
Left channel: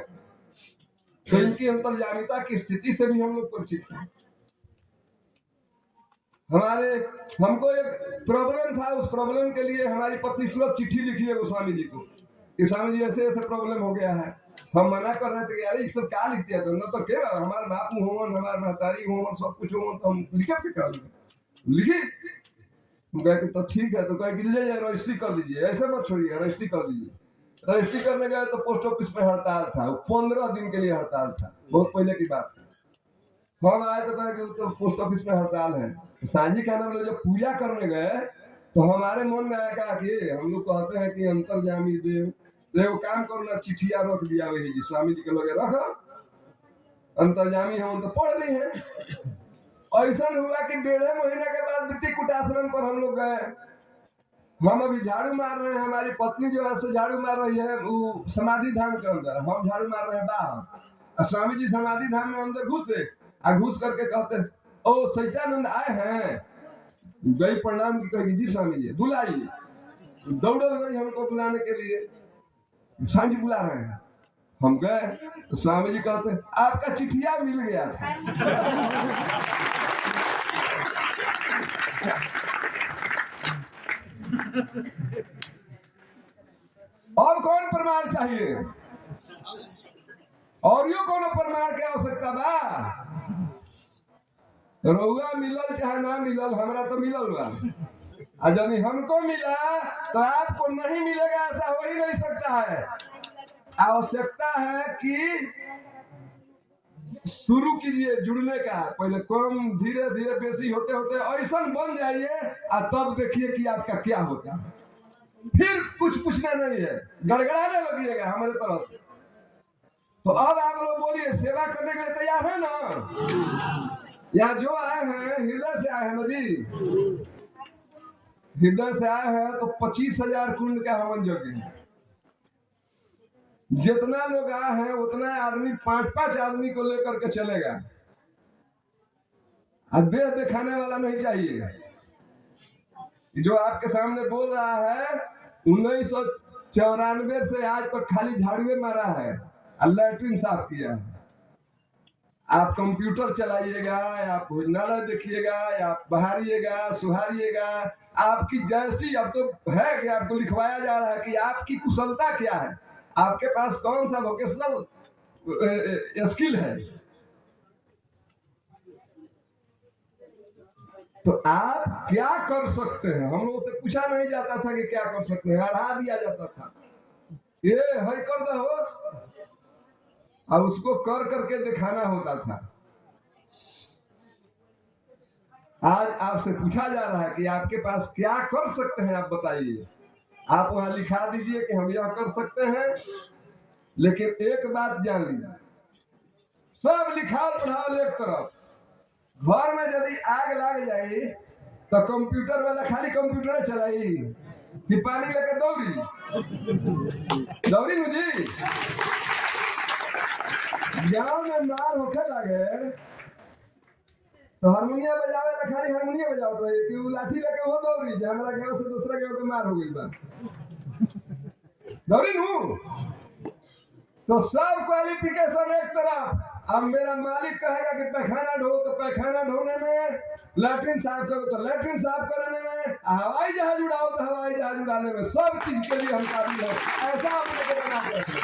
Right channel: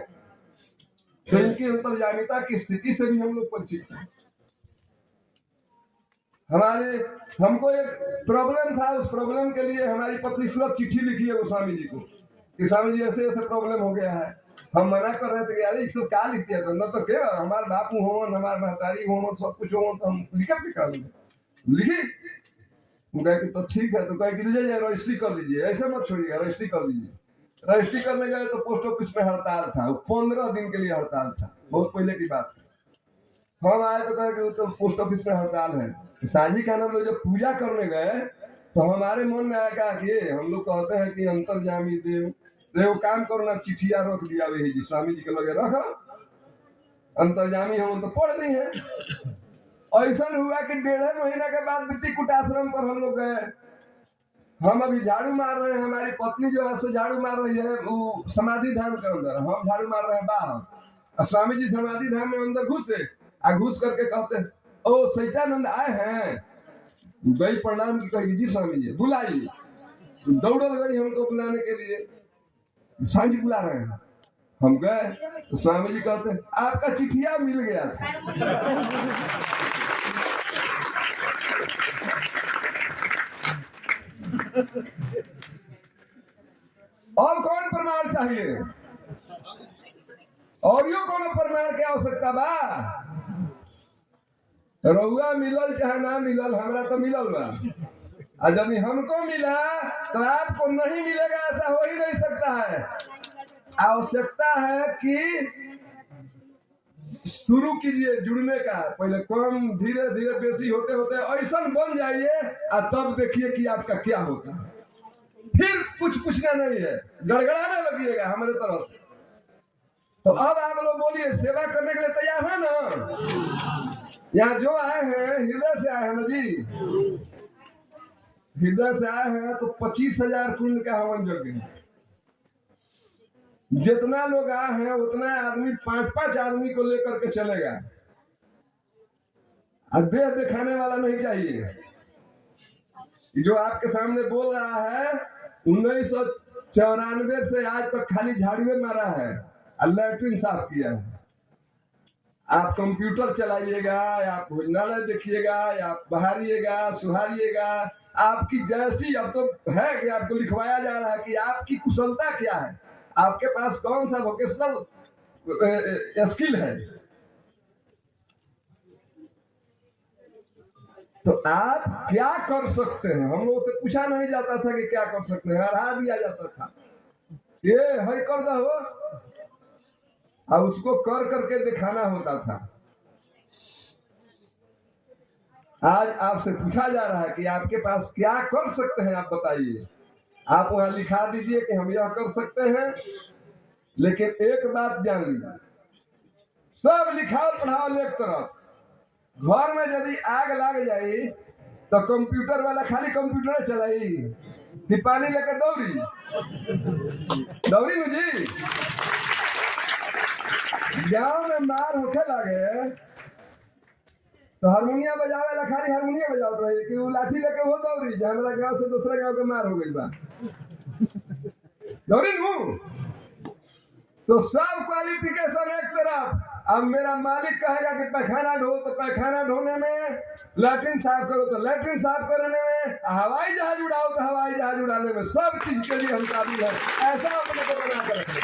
तो इनकी अंतर्यामिता की स्थिति से भी हम लोग परिचित हैं। हमको एक प्रॉब्लम था, उस प्रॉब्लम के लिए हमारी पत्नी तुरंत चिट्ठी लिखी है गोस्वामी जी को कि स्वामी जी ऐसे ऐसे प्रॉब्लम हो गया है। हम मना कर रहे थे कि यार सब क्या लिख दिया, न तो क्या हमारे बापू होवन, हमारे महतारी होवन, सब कुछ होवन, तो हम लिखा के कर लिखी। कहे कि तो ठीक है, तो कहे कि ले जाए रजिस्ट्री कर दीजिए, ऐसे मत छोड़िएगा, रजिस्ट्री कर दीजिए। रजिस्ट्री करने गए तो पोस्ट ऑफिस में हड़ताल था, 15 दिन के लिए हड़ताल था, बहुत पहले की बात है। हम आए तो कहे कि तो पोस्ट ऑफिस में हड़ताल है। सांझी का नाम लोग जब पूजा करने गए तो हमारे मन में आया कि हम लोग कहते हैं कि अंतर्यामी देव, देव काम करना, चिट्ठिया रख दिया वही जी स्वामी जी के लगे रखो, अंतर्यामी हम तो पढ़ ली है। ऐसा हुआ कि 1.5 महीने के बाद वृत्ति कुटाश्रम पर हम लोग गए। हम अभी झाड़ू मार रहे हैं, हमारी पत्नी जो है सो झाड़ू मार रही है वो समाधि धाम के अंदर, हम झाड़ू मार रहे हैं बाहर। स्वामी जी समाधि धाम में अंदर घुसे, घुस करके कहते हैं ओ सैतानंद आए हैं। गई प्रणाम की, कही जी स्वामी जी बुलाइए। दौड़ल गई हमको बुलाने के लिए, स्वामी जी बुला रहे हैं। हम गए तो स्वामी जी कहते हैं आपका चिट्ठिया मिल गया था। और कौन प्रमाण चाहिए, और यो कौन प्रमाण की आवश्यकता बा। रउआ मिलल चाहे ना मिलल, हमरा तो मिलल बा, और यदि हमको मिला तो आपको नहीं मिलेगा, ऐसा हो ही नहीं सकता है। आवश्यकता है कि शुरू कीजिए जुड़ने का, पहले कम धीरे धीरे बेसी होते होते ऐसा बन जाइए और तब देखिए कि आपका क्या होता है। फिर कुछ पूछना नहीं है, गड़गड़ाने लगिएगा हमारे तरफ से। तो अब आप लोग बोलिए सेवा करने के लिए तैयार है ना? यहाँ जो आए हैं हृदय से आए हैं ना जी, हृदय से आए हैं तो 25,000 कुंड का हवन यज्ञ है। जितना लोग आए हैं उतना आदमी 5-5 आदमी को लेकर के चलेगा। देह दिखाने वाला नहीं चाहिए। जो आपके सामने बोल रहा है 1994 से आज तक खाली झाड़ुए मारा है और लैट्रिन साफ किया है। आप कंप्यूटर चलाइएगा या भोजनालय देखिएगा या बहारिएगा सुहारिएगा, आपकी जैसी अब तो है कि आपको लिखवाया जा रहा है कि आपकी कुशलता क्या है, आपके पास कौन सा वोकेशनल स्किल है। तो आप क्या कर सकते हैं, हम लोगों से पूछा नहीं जाता था कि क्या कर सकते हैं, हरा दिया जाता था ये है कर दो और उसको कर करके दिखाना होता था। आज आपसे पूछा जा रहा है कि आपके पास क्या कर सकते हैं, आप बताइए। आप वहां लिखा दीजिए कि हम यह कर सकते हैं, लेकिन एक बात जान लीजिए, सब लिखा पढ़ाओ एक तरफ, घर में यदि आग लग जाए तो कंप्यूटर वाला खाली कंप्यूटर चलाई कि पानी लेकर दौड़ी दौड़ी मुझे गांव में मार होके लगे तो हारमोनिया बजावे ला खाली हारमोनिया बजाओ रही कि वो लाठी लेके वो दौड़ी जो हमारा गांव से दूसरे गांव के मार हो गई बा दौड़ी हूँ। तो सब क्वालिफिकेशन एक तरफ, अब मेरा मालिक कहेगा कि पैखाना ढो तो पैखाना ढोने में, लैट्रिन साफ करो तो लैट्रिन साफ करने में, हवाई जहाज उड़ाओ तो हवाई जहाज उड़ाने में, सब चीज के लिए हम काबिल है। ऐसा अपने को बना कर रखें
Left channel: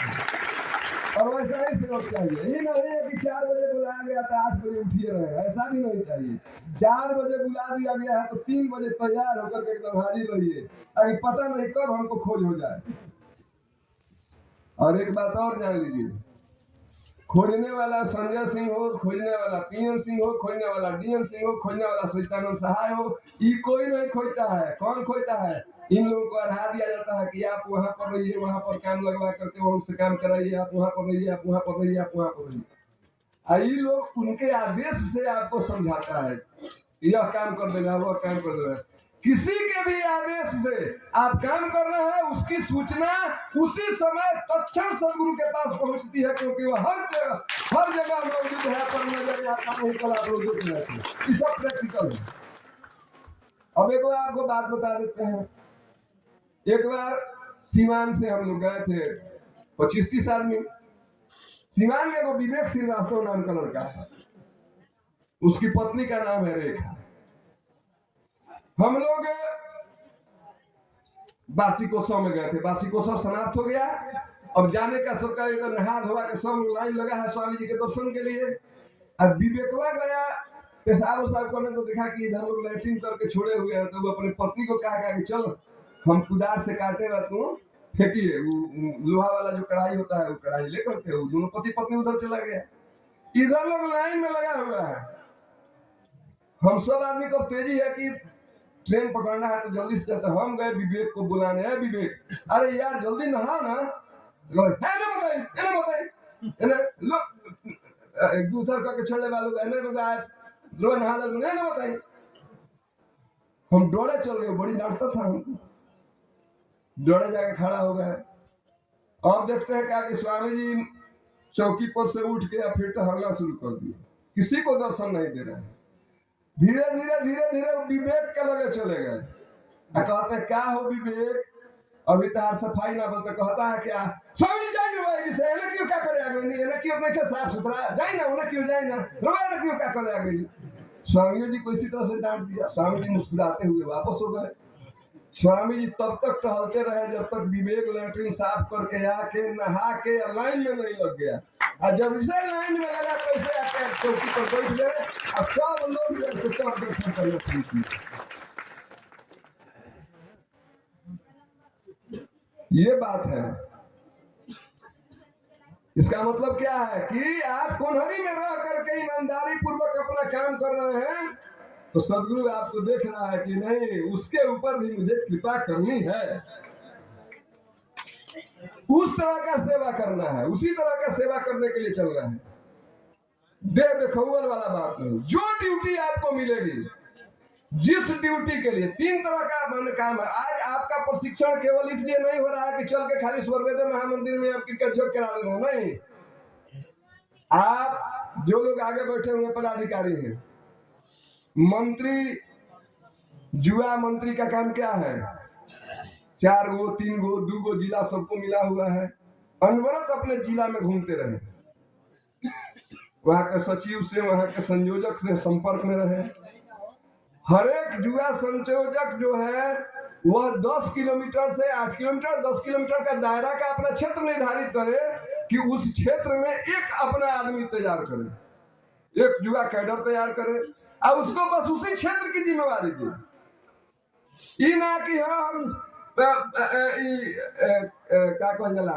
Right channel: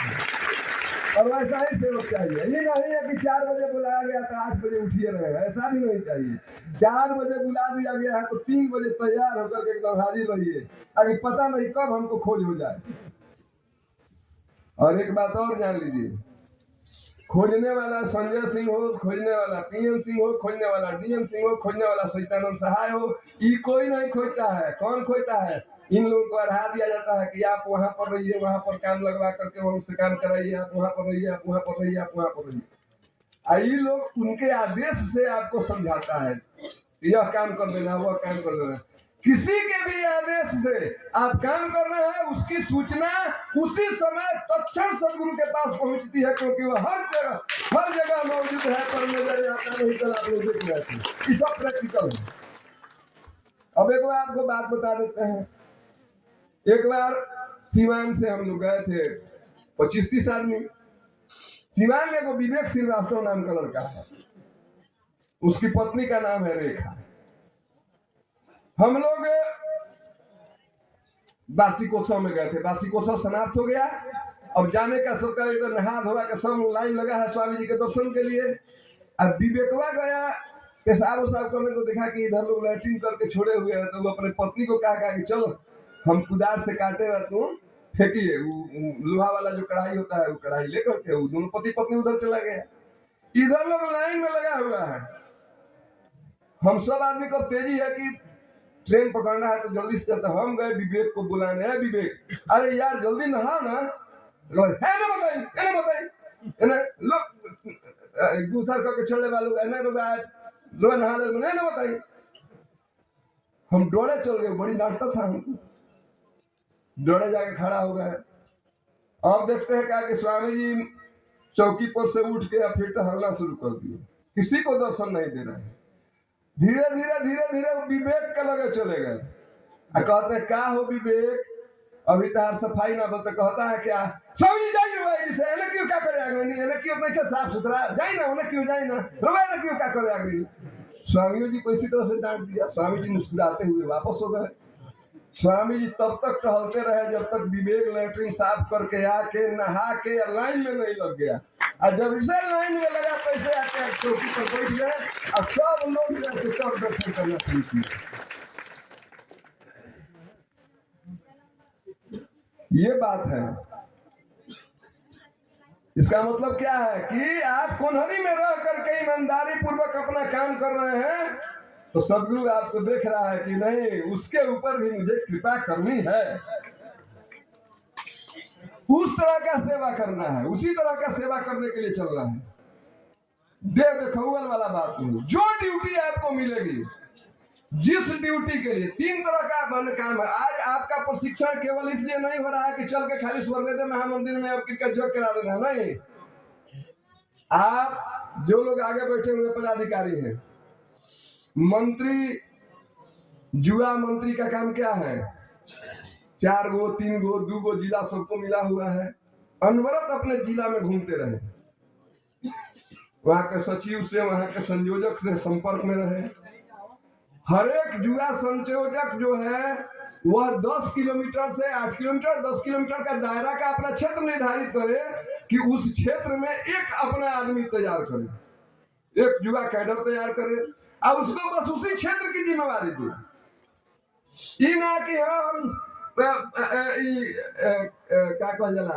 और वैसा ही सेवक चाहिए। ये नहीं है कि 4 बजे बुलाया गया तो 8 बजे उठिए रहे, ऐसा भी नहीं चाहिए। 4 बजे बुला दिया गया है तो 3 बजे तैयार होकर के एकदम हाजिर रहिए, ताकि पता नहीं कब हमको खोज हो जाए। और एक बात और जान लीजिए, खोजने वाला संजय सिंह हो, खोजने वाला पीएम सिंह हो, खोजने वाला डीएम सिंह हो, खोजने वाला सचिदानंद सहाय हो, ये कोई नहीं खोजता है। कौन खोजता है? इन लोगों को अढ़ा दिया जाता है कि आप वहां पर रहिए, वहां पर काम लगवा करके वहां से काम कराइए, आप वहां पर रहिए, आप वहां पर रहिए, आप वहां पर रहिए। ये लोग उनके आदेश से आपको समझाता है, यह काम कर देना, वह काम कर देना। किसी के भी आदेश से आप काम कर रहे हैं, उसकी सूचना उसी समय तत्क्षण सदगुरु के पास पहुंचती है, क्योंकि वह हर जगह मौजूद है। पर नजर आता नहीं, कल आप लोग देख रहे थे, ये सब प्रैक्टिकल है। अब एक बार आपको बात बता देते हैं। एक बार सीवान से हम लोग गए थे 25-30 आदमी। सीवान में एक विवेक श्रीवास्तव नाम का लड़का था, उसकी पत्नी का नाम है रेखा। हम लोग वार्षिकोत्सव में गए थे, वार्षिकोत्सव समाप्त हो गया। अब जाने का सरकार इधर नहा धोवा के सब लाइन लगा है स्वामी जी के दर्शन के लिए। अब विवेकवा गया पेशाब उसाब करने, तो देखा कि इधर लोग लैट्रिन करके छोड़े हुए हैं, तो वो अपने पत्नी को कहा कि चलो हम कुदार से काटे हुआ तुम फेंकिए, लोहा वाला जो कढ़ाई होता है वो कढ़ाई लेकर के वो दोनों पति पत्नी उधर चला गया। इधर लोग लाइन में लगा हुआ है। हम सब आदमी को तेजी है कि ट्रेन पकड़ना है तो जल्दी से चलते। हम गए विवेक को बुलाने, है विवेक अरे यार जल्दी नहाओ ना, दूसर करके छोड़ने वालों लो नहा ना बताइए। हम डोड़े चल गए, बड़ी डांटता था हमको, डोड़े जाके खड़ा हो गए। अब देखते हैं क्या कि स्वामी जी चौकी पर से उठ के फिर टहलना शुरू कर दिए, किसी को दर्शन नहीं दे रहे हैं। धीरे धीरे धीरे धीरे विवेक के लगे चले गए। कहते क्या हो विवेक, अभी तार सफाई ना बोलते, कहता है क्या स्वामी जी जाइए से एने क्यों क्या करे आगे नहीं, एने क्यों नहीं साफ सुथरा जाए ना, उन्हें क्यों जाए ना, रोए क्यों क्या करे आगे। स्वामी जी को इसी तरह से डांट दिया। स्वामी जी मुस्कुराते हुए वापस हो गए। स्वामी जी तब तक टहलते रहे जब तक विवेक लैट्रिन साफ करके आके नहा के लाइन में नहीं लग गया। और जब इसे लाइन में लगा कैसे आके चौकी पर बैठ गए और सब लोग दर्शन करना शुरू किए। ये बात है। इसका मतलब क्या है कि आप कोनहरी में रह करके ईमानदारी पूर्वक अपना काम कर रहे हैं, तो सदगुरु आपको देख रहा है कि नहीं, उसके ऊपर भी मुझे कृपा करनी है। उस तरह का सेवा करना है, उसी तरह का सेवा करने के लिए चलना है। दे देखौल वाला बात नहीं। जो ड्यूटी आपको मिलेगी, जिस ड्यूटी के लिए 3 तरह का काम है। आज आपका प्रशिक्षण केवल इसलिए नहीं हो रहा है कि चल के खाली स्वर्गदेव महामंदिर में आप क्रिकेट जॉब करा लेना, नहीं। आप जो लोग आगे बैठे हुए पदाधिकारी हैं, मंत्री, युवा मंत्री का काम क्या है? 4 गो 3 गो 2 गो जिला सबको मिला हुआ है, अनवरत अपने जिला में घूमते रहे, वहां के सचिव से, वहां के संयोजक से संपर्क में रहे। हर एक युवा संयोजक जो है वह 10 किलोमीटर से 8 किलोमीटर 10 किलोमीटर का दायरा का अपना क्षेत्र निर्धारित करे कि उस क्षेत्र में एक अपना आदमी तैयार करे, एक युवा कैडर तैयार करे। अब उसको बस उसी क्षेत्र की जिम्मेवारी दे, ये ना कि हम क्या कहल जाला,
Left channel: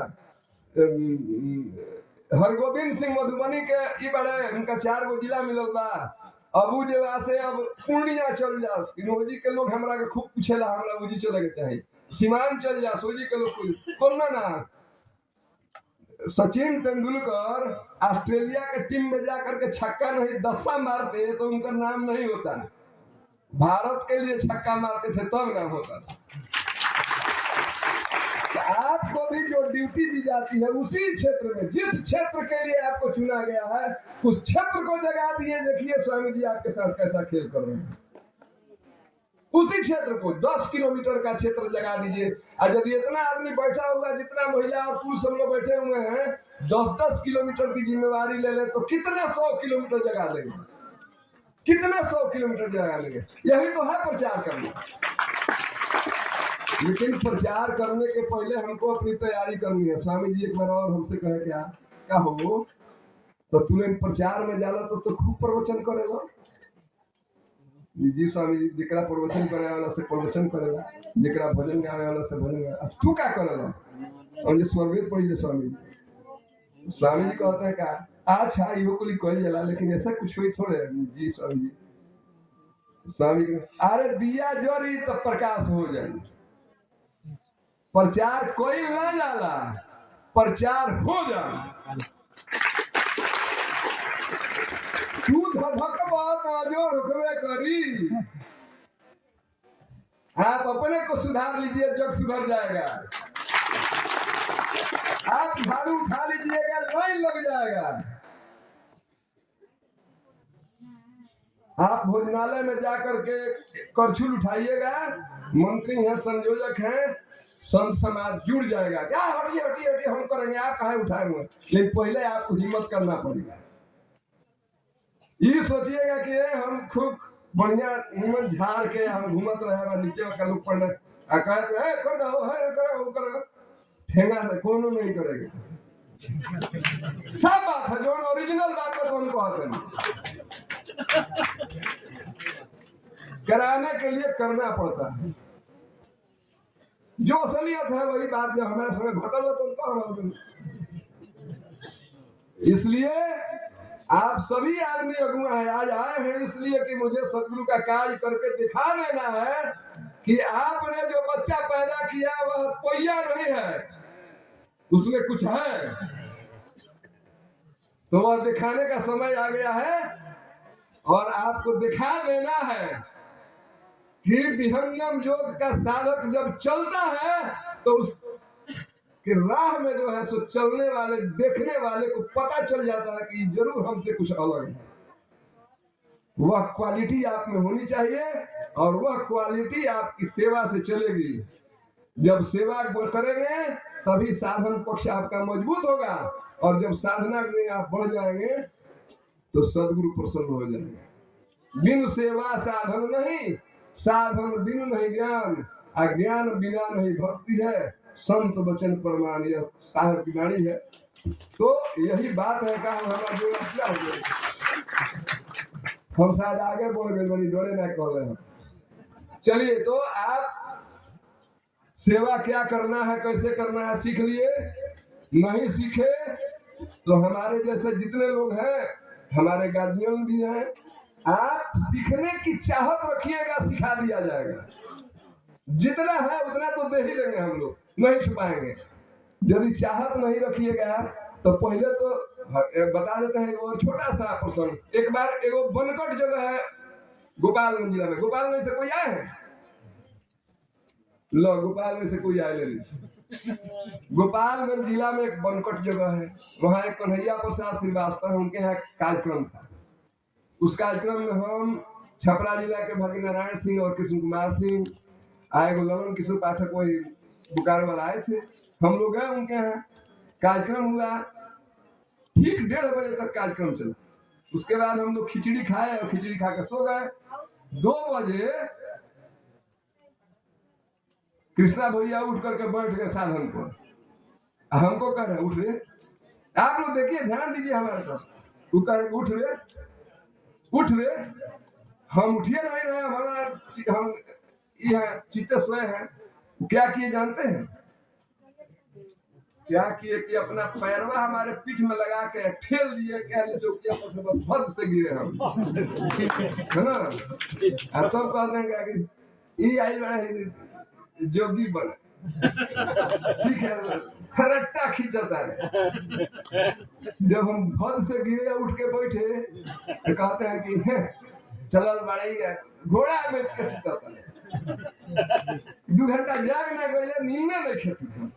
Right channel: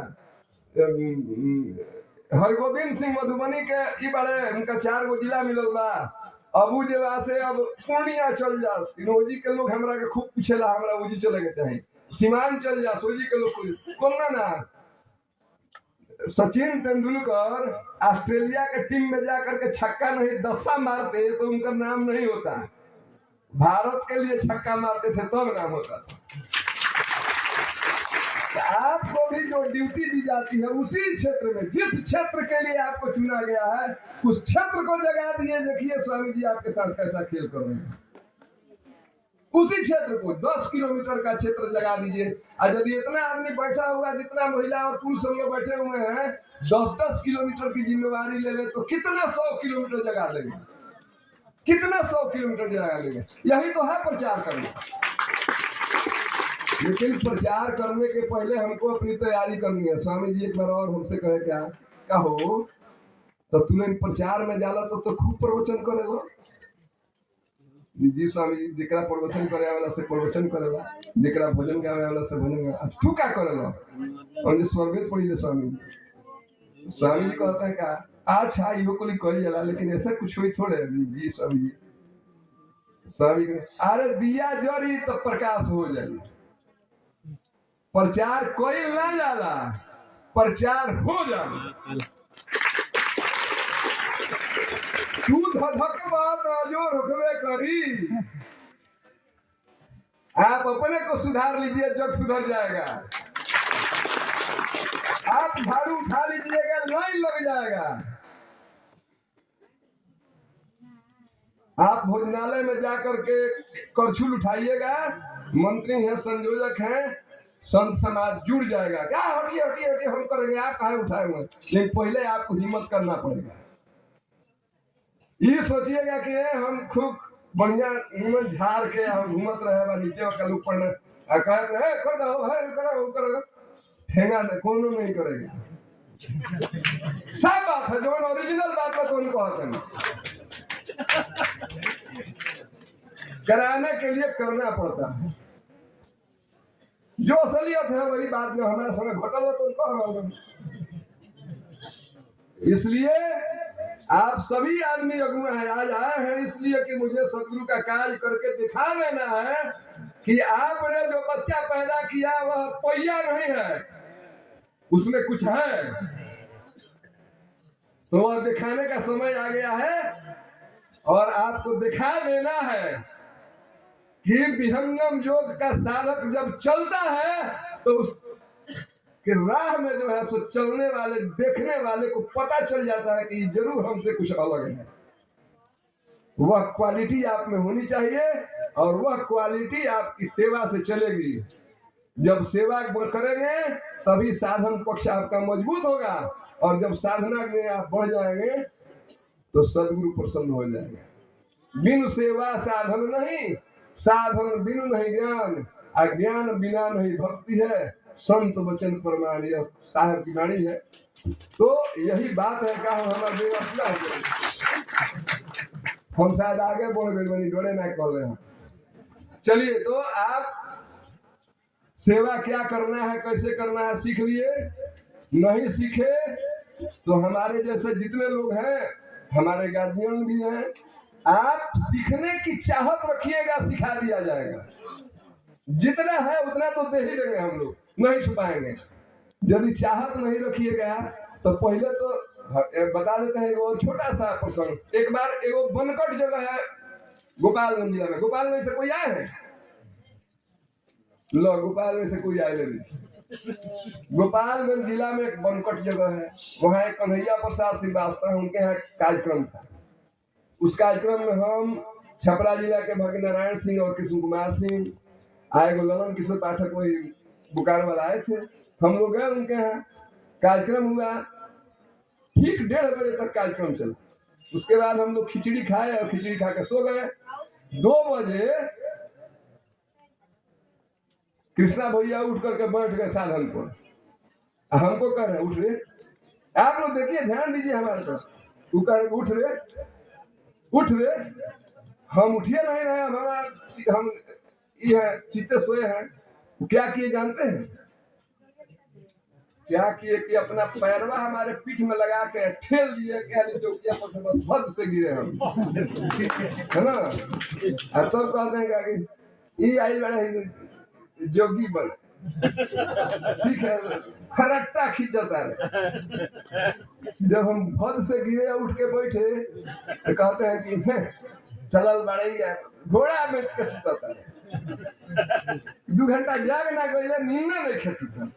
हरगोविंद सिंह मधुबनी के ई बड़े उनका 4 गो जिला मिलल बा, अबू जेवा से अब पूर्णिया चल जा, इनोजी के लोग हमरा के खूब पूछेला, हमरा उजी चले के चाहे, सीमान चल जा, सोजी के लोग कौन ना। सचिन तेंदुलकर ऑस्ट्रेलिया के टीम में जाकर के छक्का नहीं 10 मारते तो उनका नाम नहीं होता, भारत के लिए छक्का मारते थे तब नाम होता था। आपको भी जो ड्यूटी दी जाती है उसी क्षेत्र में, जिस क्षेत्र के लिए आपको चुना गया है, उस क्षेत्र को जगा दिए। देखिए स्वामी जी आपके साथ कैसा खेल कर रहे हैं, उसी क्षेत्र को 10 किलोमीटर का क्षेत्र जगा दीजिए। और यदि इतना आदमी बैठा हुआ, जितना महिला और पुरुष हम लोग बैठे हुए हैं, 10-10 किलोमीटर की जिम्मेवारी ले ले तो कितना 100 किलोमीटर जगा देंगे, कितना 100 किलोमीटर जगा देंगे। यही तो है प्रचार करना। लेकिन प्रचार करने के पहले हमको अपनी तैयारी करनी है। स्वामी जी एक बार और हमसे कहे क्या हो, तो तूने प्रचार में जाला तो खूब प्रवचन करेगा। जी स्वामी जी, जेकरा प्रवचन करे वाला से प्रवचन करेगा, जेकरा भजन गावे वाला से भजन गावे। तू क्या करेगा? और स्वर्गेत पढ़ी स्वामी जी। स्वामी जी कहते हैं क्या, अच्छा इहो कोई कही जाला, लेकिन ऐसा कुछ हुई थोड़े। जी स्वामी जी, स्वामी जी अरे दिया जरी तो प्रकाश हो जाए। प्रचार कोई नहीं जाला, प्रचार हो जाए। तू धधक बात जो रखवे करी, आप अपने को सुधार लीजिए, जग सुधर जाएगा। आप झाड़ू उठा लीजिएगा, लाइन लग जाएगा। आप भोजनालय में जाकर के करछुल उठाइएगा, मंत्री हैं, संयोजक हैं, संत समाज जुड़ जाएगा। क्या हटिए हटिए हटिए हम करेंगे, आप कहाँ उठाए हुए। लेकिन पहले आपको हिम्मत करना पड़ेगा। ये सोचिएगा कि हम खूब बढ़िया निमन झाड़ के हम घूमत रहे, नीचे का लोग पढ़ने कर दो है करो, ठेंगा कोनो नहीं करेगा। सब बात है, जो ओरिजिनल बात है तो उनको कराने के लिए करना पड़ता है। जो असलियत है वही बात जो हमारे समय घटल हो तो उनको। इसलिए आप सभी आदमी अगुआ है, आज आए हैं इसलिए कि मुझे सदगुरु का कार्य करके दिखा देना है कि आपने जो बच्चा पैदा किया वह पहिया नहीं है, उसमें कुछ है। तो वह दिखाने का समय आ गया है और आपको दिखा देना है कि विहंगम योग का साधक जब चलता है तो उस कि राह में जो है सो चलने वाले, देखने वाले को पता चल जाता है कि जरूर हमसे कुछ अलग है। वह क्वालिटी आप में होनी चाहिए और वह क्वालिटी आपकी सेवा से चलेगी। जब सेवा करेंगे तभी साधन पक्ष आपका मजबूत होगा, और जब साधना में आप बढ़ जाएंगे तो सदगुरु प्रसन्न हो जाएंगे। बिनु सेवा साधन नहीं, साधन बिनु नहीं ज्ञान, अज्ञान बिना नहीं भक्ति है, संत वचन प्रमाण। यह साहब की वाणी है। तो यही बात है का हमारा व्यवस्था हो गई। हम शायद आगे बोल गए, बनी डोरे ना कर रहे हैं। चलिए, तो आप सेवा क्या करना है, कैसे करना है सीख लिए। नहीं सीखे तो हमारे जैसे जितने लोग हैं, हमारे गार्जियन भी हैं, आप सीखने की चाहत रखिएगा, सिखा दिया जाएगा। जितना है उतना तो दे ही देंगे हम लोग, नहीं छुपाएंगे। यदि चाहत नहीं रखिएगा तो पहले तो बता देते हैं वो छोटा सा प्रसंग। एक बार एगो बनकट जगह है गोपालगंज जिला में। गोपालगंज से कोई आए हैं? लो, गोपालगंज से कोई आए नहीं। गोपालगंज जिला में एक बनकट जगह है, वहाँ एक कन्हैया प्रसाद श्रीवास्तव है, उनके यहाँ कार्यक्रम था। उस कार्यक्रम में हम छपरा जिला के भाग्य नारायण सिंह और कृष्ण कुमार सिंह आए, ललन किशोर पाठक वही बोकारो वाला आए थे। हम लोग गए उनके यहाँ, कार्यक्रम हुआ, ठीक 1:30 बजे तक कार्यक्रम चला। उसके बाद हम लोग खिचड़ी खाए और खिचड़ी खा के सो गए। 2 बजे कृष्णा भैया उठ करके बैठ गए साधन पर, हमको कह रहे उठ रे। आप लोग देखिए, ध्यान दीजिए हमारे तरफ। वो कह रहे उठ रे, उठ रे। हम उठिए नहीं रहे, हम ये चित्ते सोए हैं। क्या किए जानते हैं? क्या किए कि अपना पैरवा हमारे पीठ में लगा के ठेल दिए, कहले चौकिया पर से बस भद से गिरे हम, है ना। और सब कहते हैं कि ये आई बड़ा जोगी बने, सीखे खरट्टा खींचता है। जब हम भद से गिरे उठ के बैठे तो कहते हैं कि चलल बड़े घोड़ा बेच के सुतता है। 2 घंटा जाग ना गए, नींद नहीं खेती।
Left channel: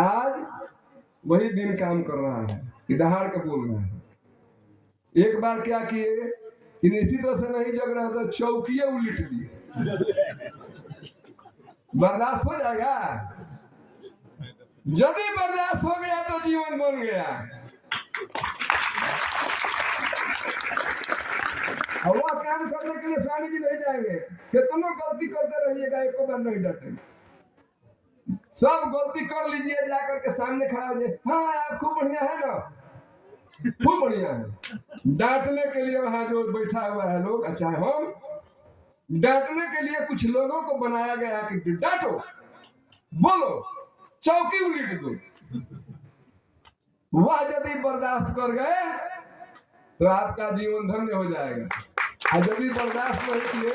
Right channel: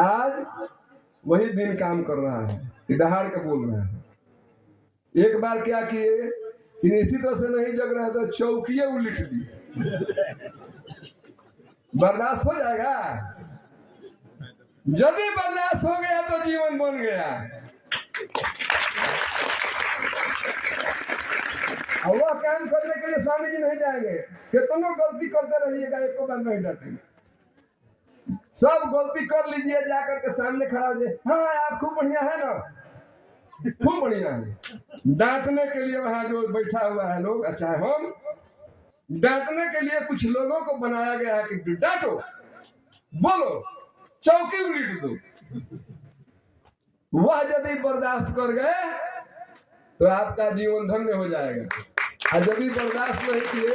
आज वही दिन काम कर रहा है कि दहाड़ के बोल रहा है। एक बार क्या किए कि इसी तरह से नहीं जग रहा तो चौकिए उलट दिए। बर्दाश्त हो जाएगा? यदि बर्दाश्त हो गया तो जीवन बन गया। और वह काम करने के लिए स्वामी जी नहीं जाएंगे, कितनों गलती करते रहिएगा, एक बार नहीं डांटेंगे। सब गलती कर लीजिए, जाकर के सामने खड़ा हो जाए, हाँ आप खूब बढ़िया है ना, खूब बढ़िया है। डांटने के लिए वहां जो बैठा हुआ है लोग, अच्छा हम डांटने के लिए कुछ लोगों को बनाया गया है कि डांटो, बोलो, चौकी उलट दो। वह यदि बर्दाश्त कर गए तो आपका जीवन धन्य हो जाएगा। और यदि बर्दाश्त नहीं किए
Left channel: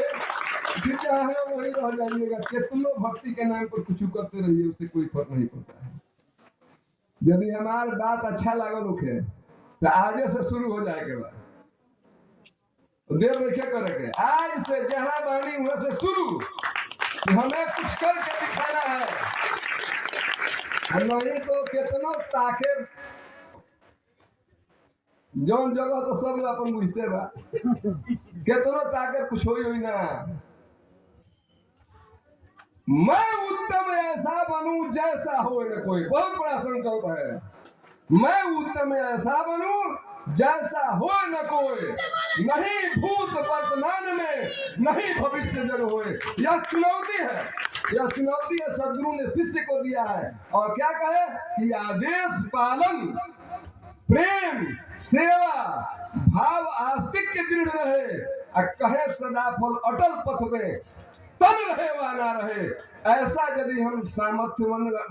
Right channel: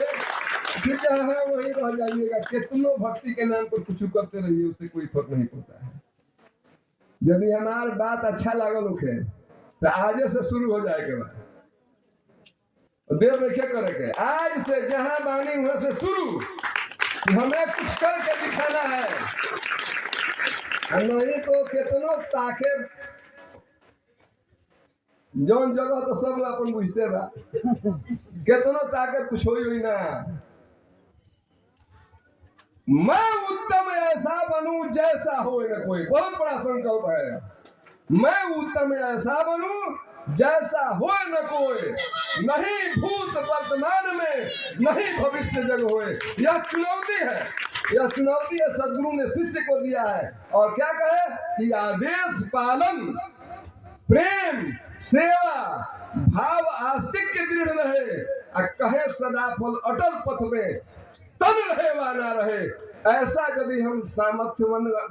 फिर चाहे वही रह जाइएगा। कितनों भक्ति के नाम पर कुछ करते रहिए, उससे कोई फर्क नहीं पड़ता है। यदि हमारी बात अच्छा लगल है तो आज से शुरू हो जाए के बाद देर में क्या करे, आज से जहां बानी वहां से शुरू, हमें कुछ करके दिखाना है। नहीं तो कितनों ताके जौन जगह तो सब अपन बुझते बा, कितनों ताके कुछ हो ही ना। मैं उत्तम ऐसा बनूं जैसा हो न कोई, बहुत बड़ा संकल्प है। मैं उत्तम ऐसा बनूं जैसा हो न कोई, नहीं भूत वर्तमान में नहीं भविष्य जग होए। यह चुनौती है, यह चुनौती है सदगुरु ने शिष्य को दिया है। और क्या कहे कि आदेश पालन, प्रेम, सेवा, भाव आस्तिक दृढ़ रहे, और कहे सदा फल अटल पथ में तन रहे वा ना रहे। ऐसा यदि हम सामर्थ्य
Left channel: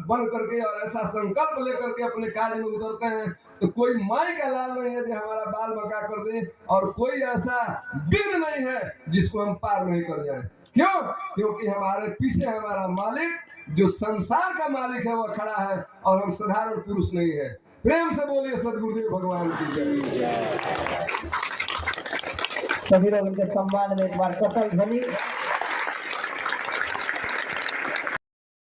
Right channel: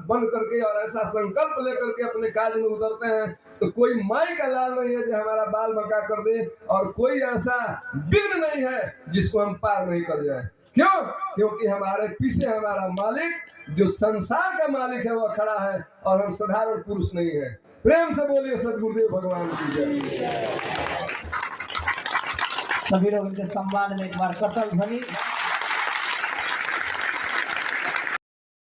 बन करके और ऐसा संकल्प लेकर के अपने कार्य में उतरते हैं तो कोई माई का लाल नहीं है जो हमारा बाल बका कर दे, और कोई ऐसा विघ्न नहीं है जिसको हम पार नहीं कर जाए। क्यों? क्योंकि हमारे पीछे हमारा मालिक जो संसार का मालिक है वह खड़ा है, और हम साधारण पुरुष नहीं है। प्रेम से बोलिए सदगुरुदेव भगवान की जय। सभी लोग इनके सम्मान में एक बार कतल ध्वनि।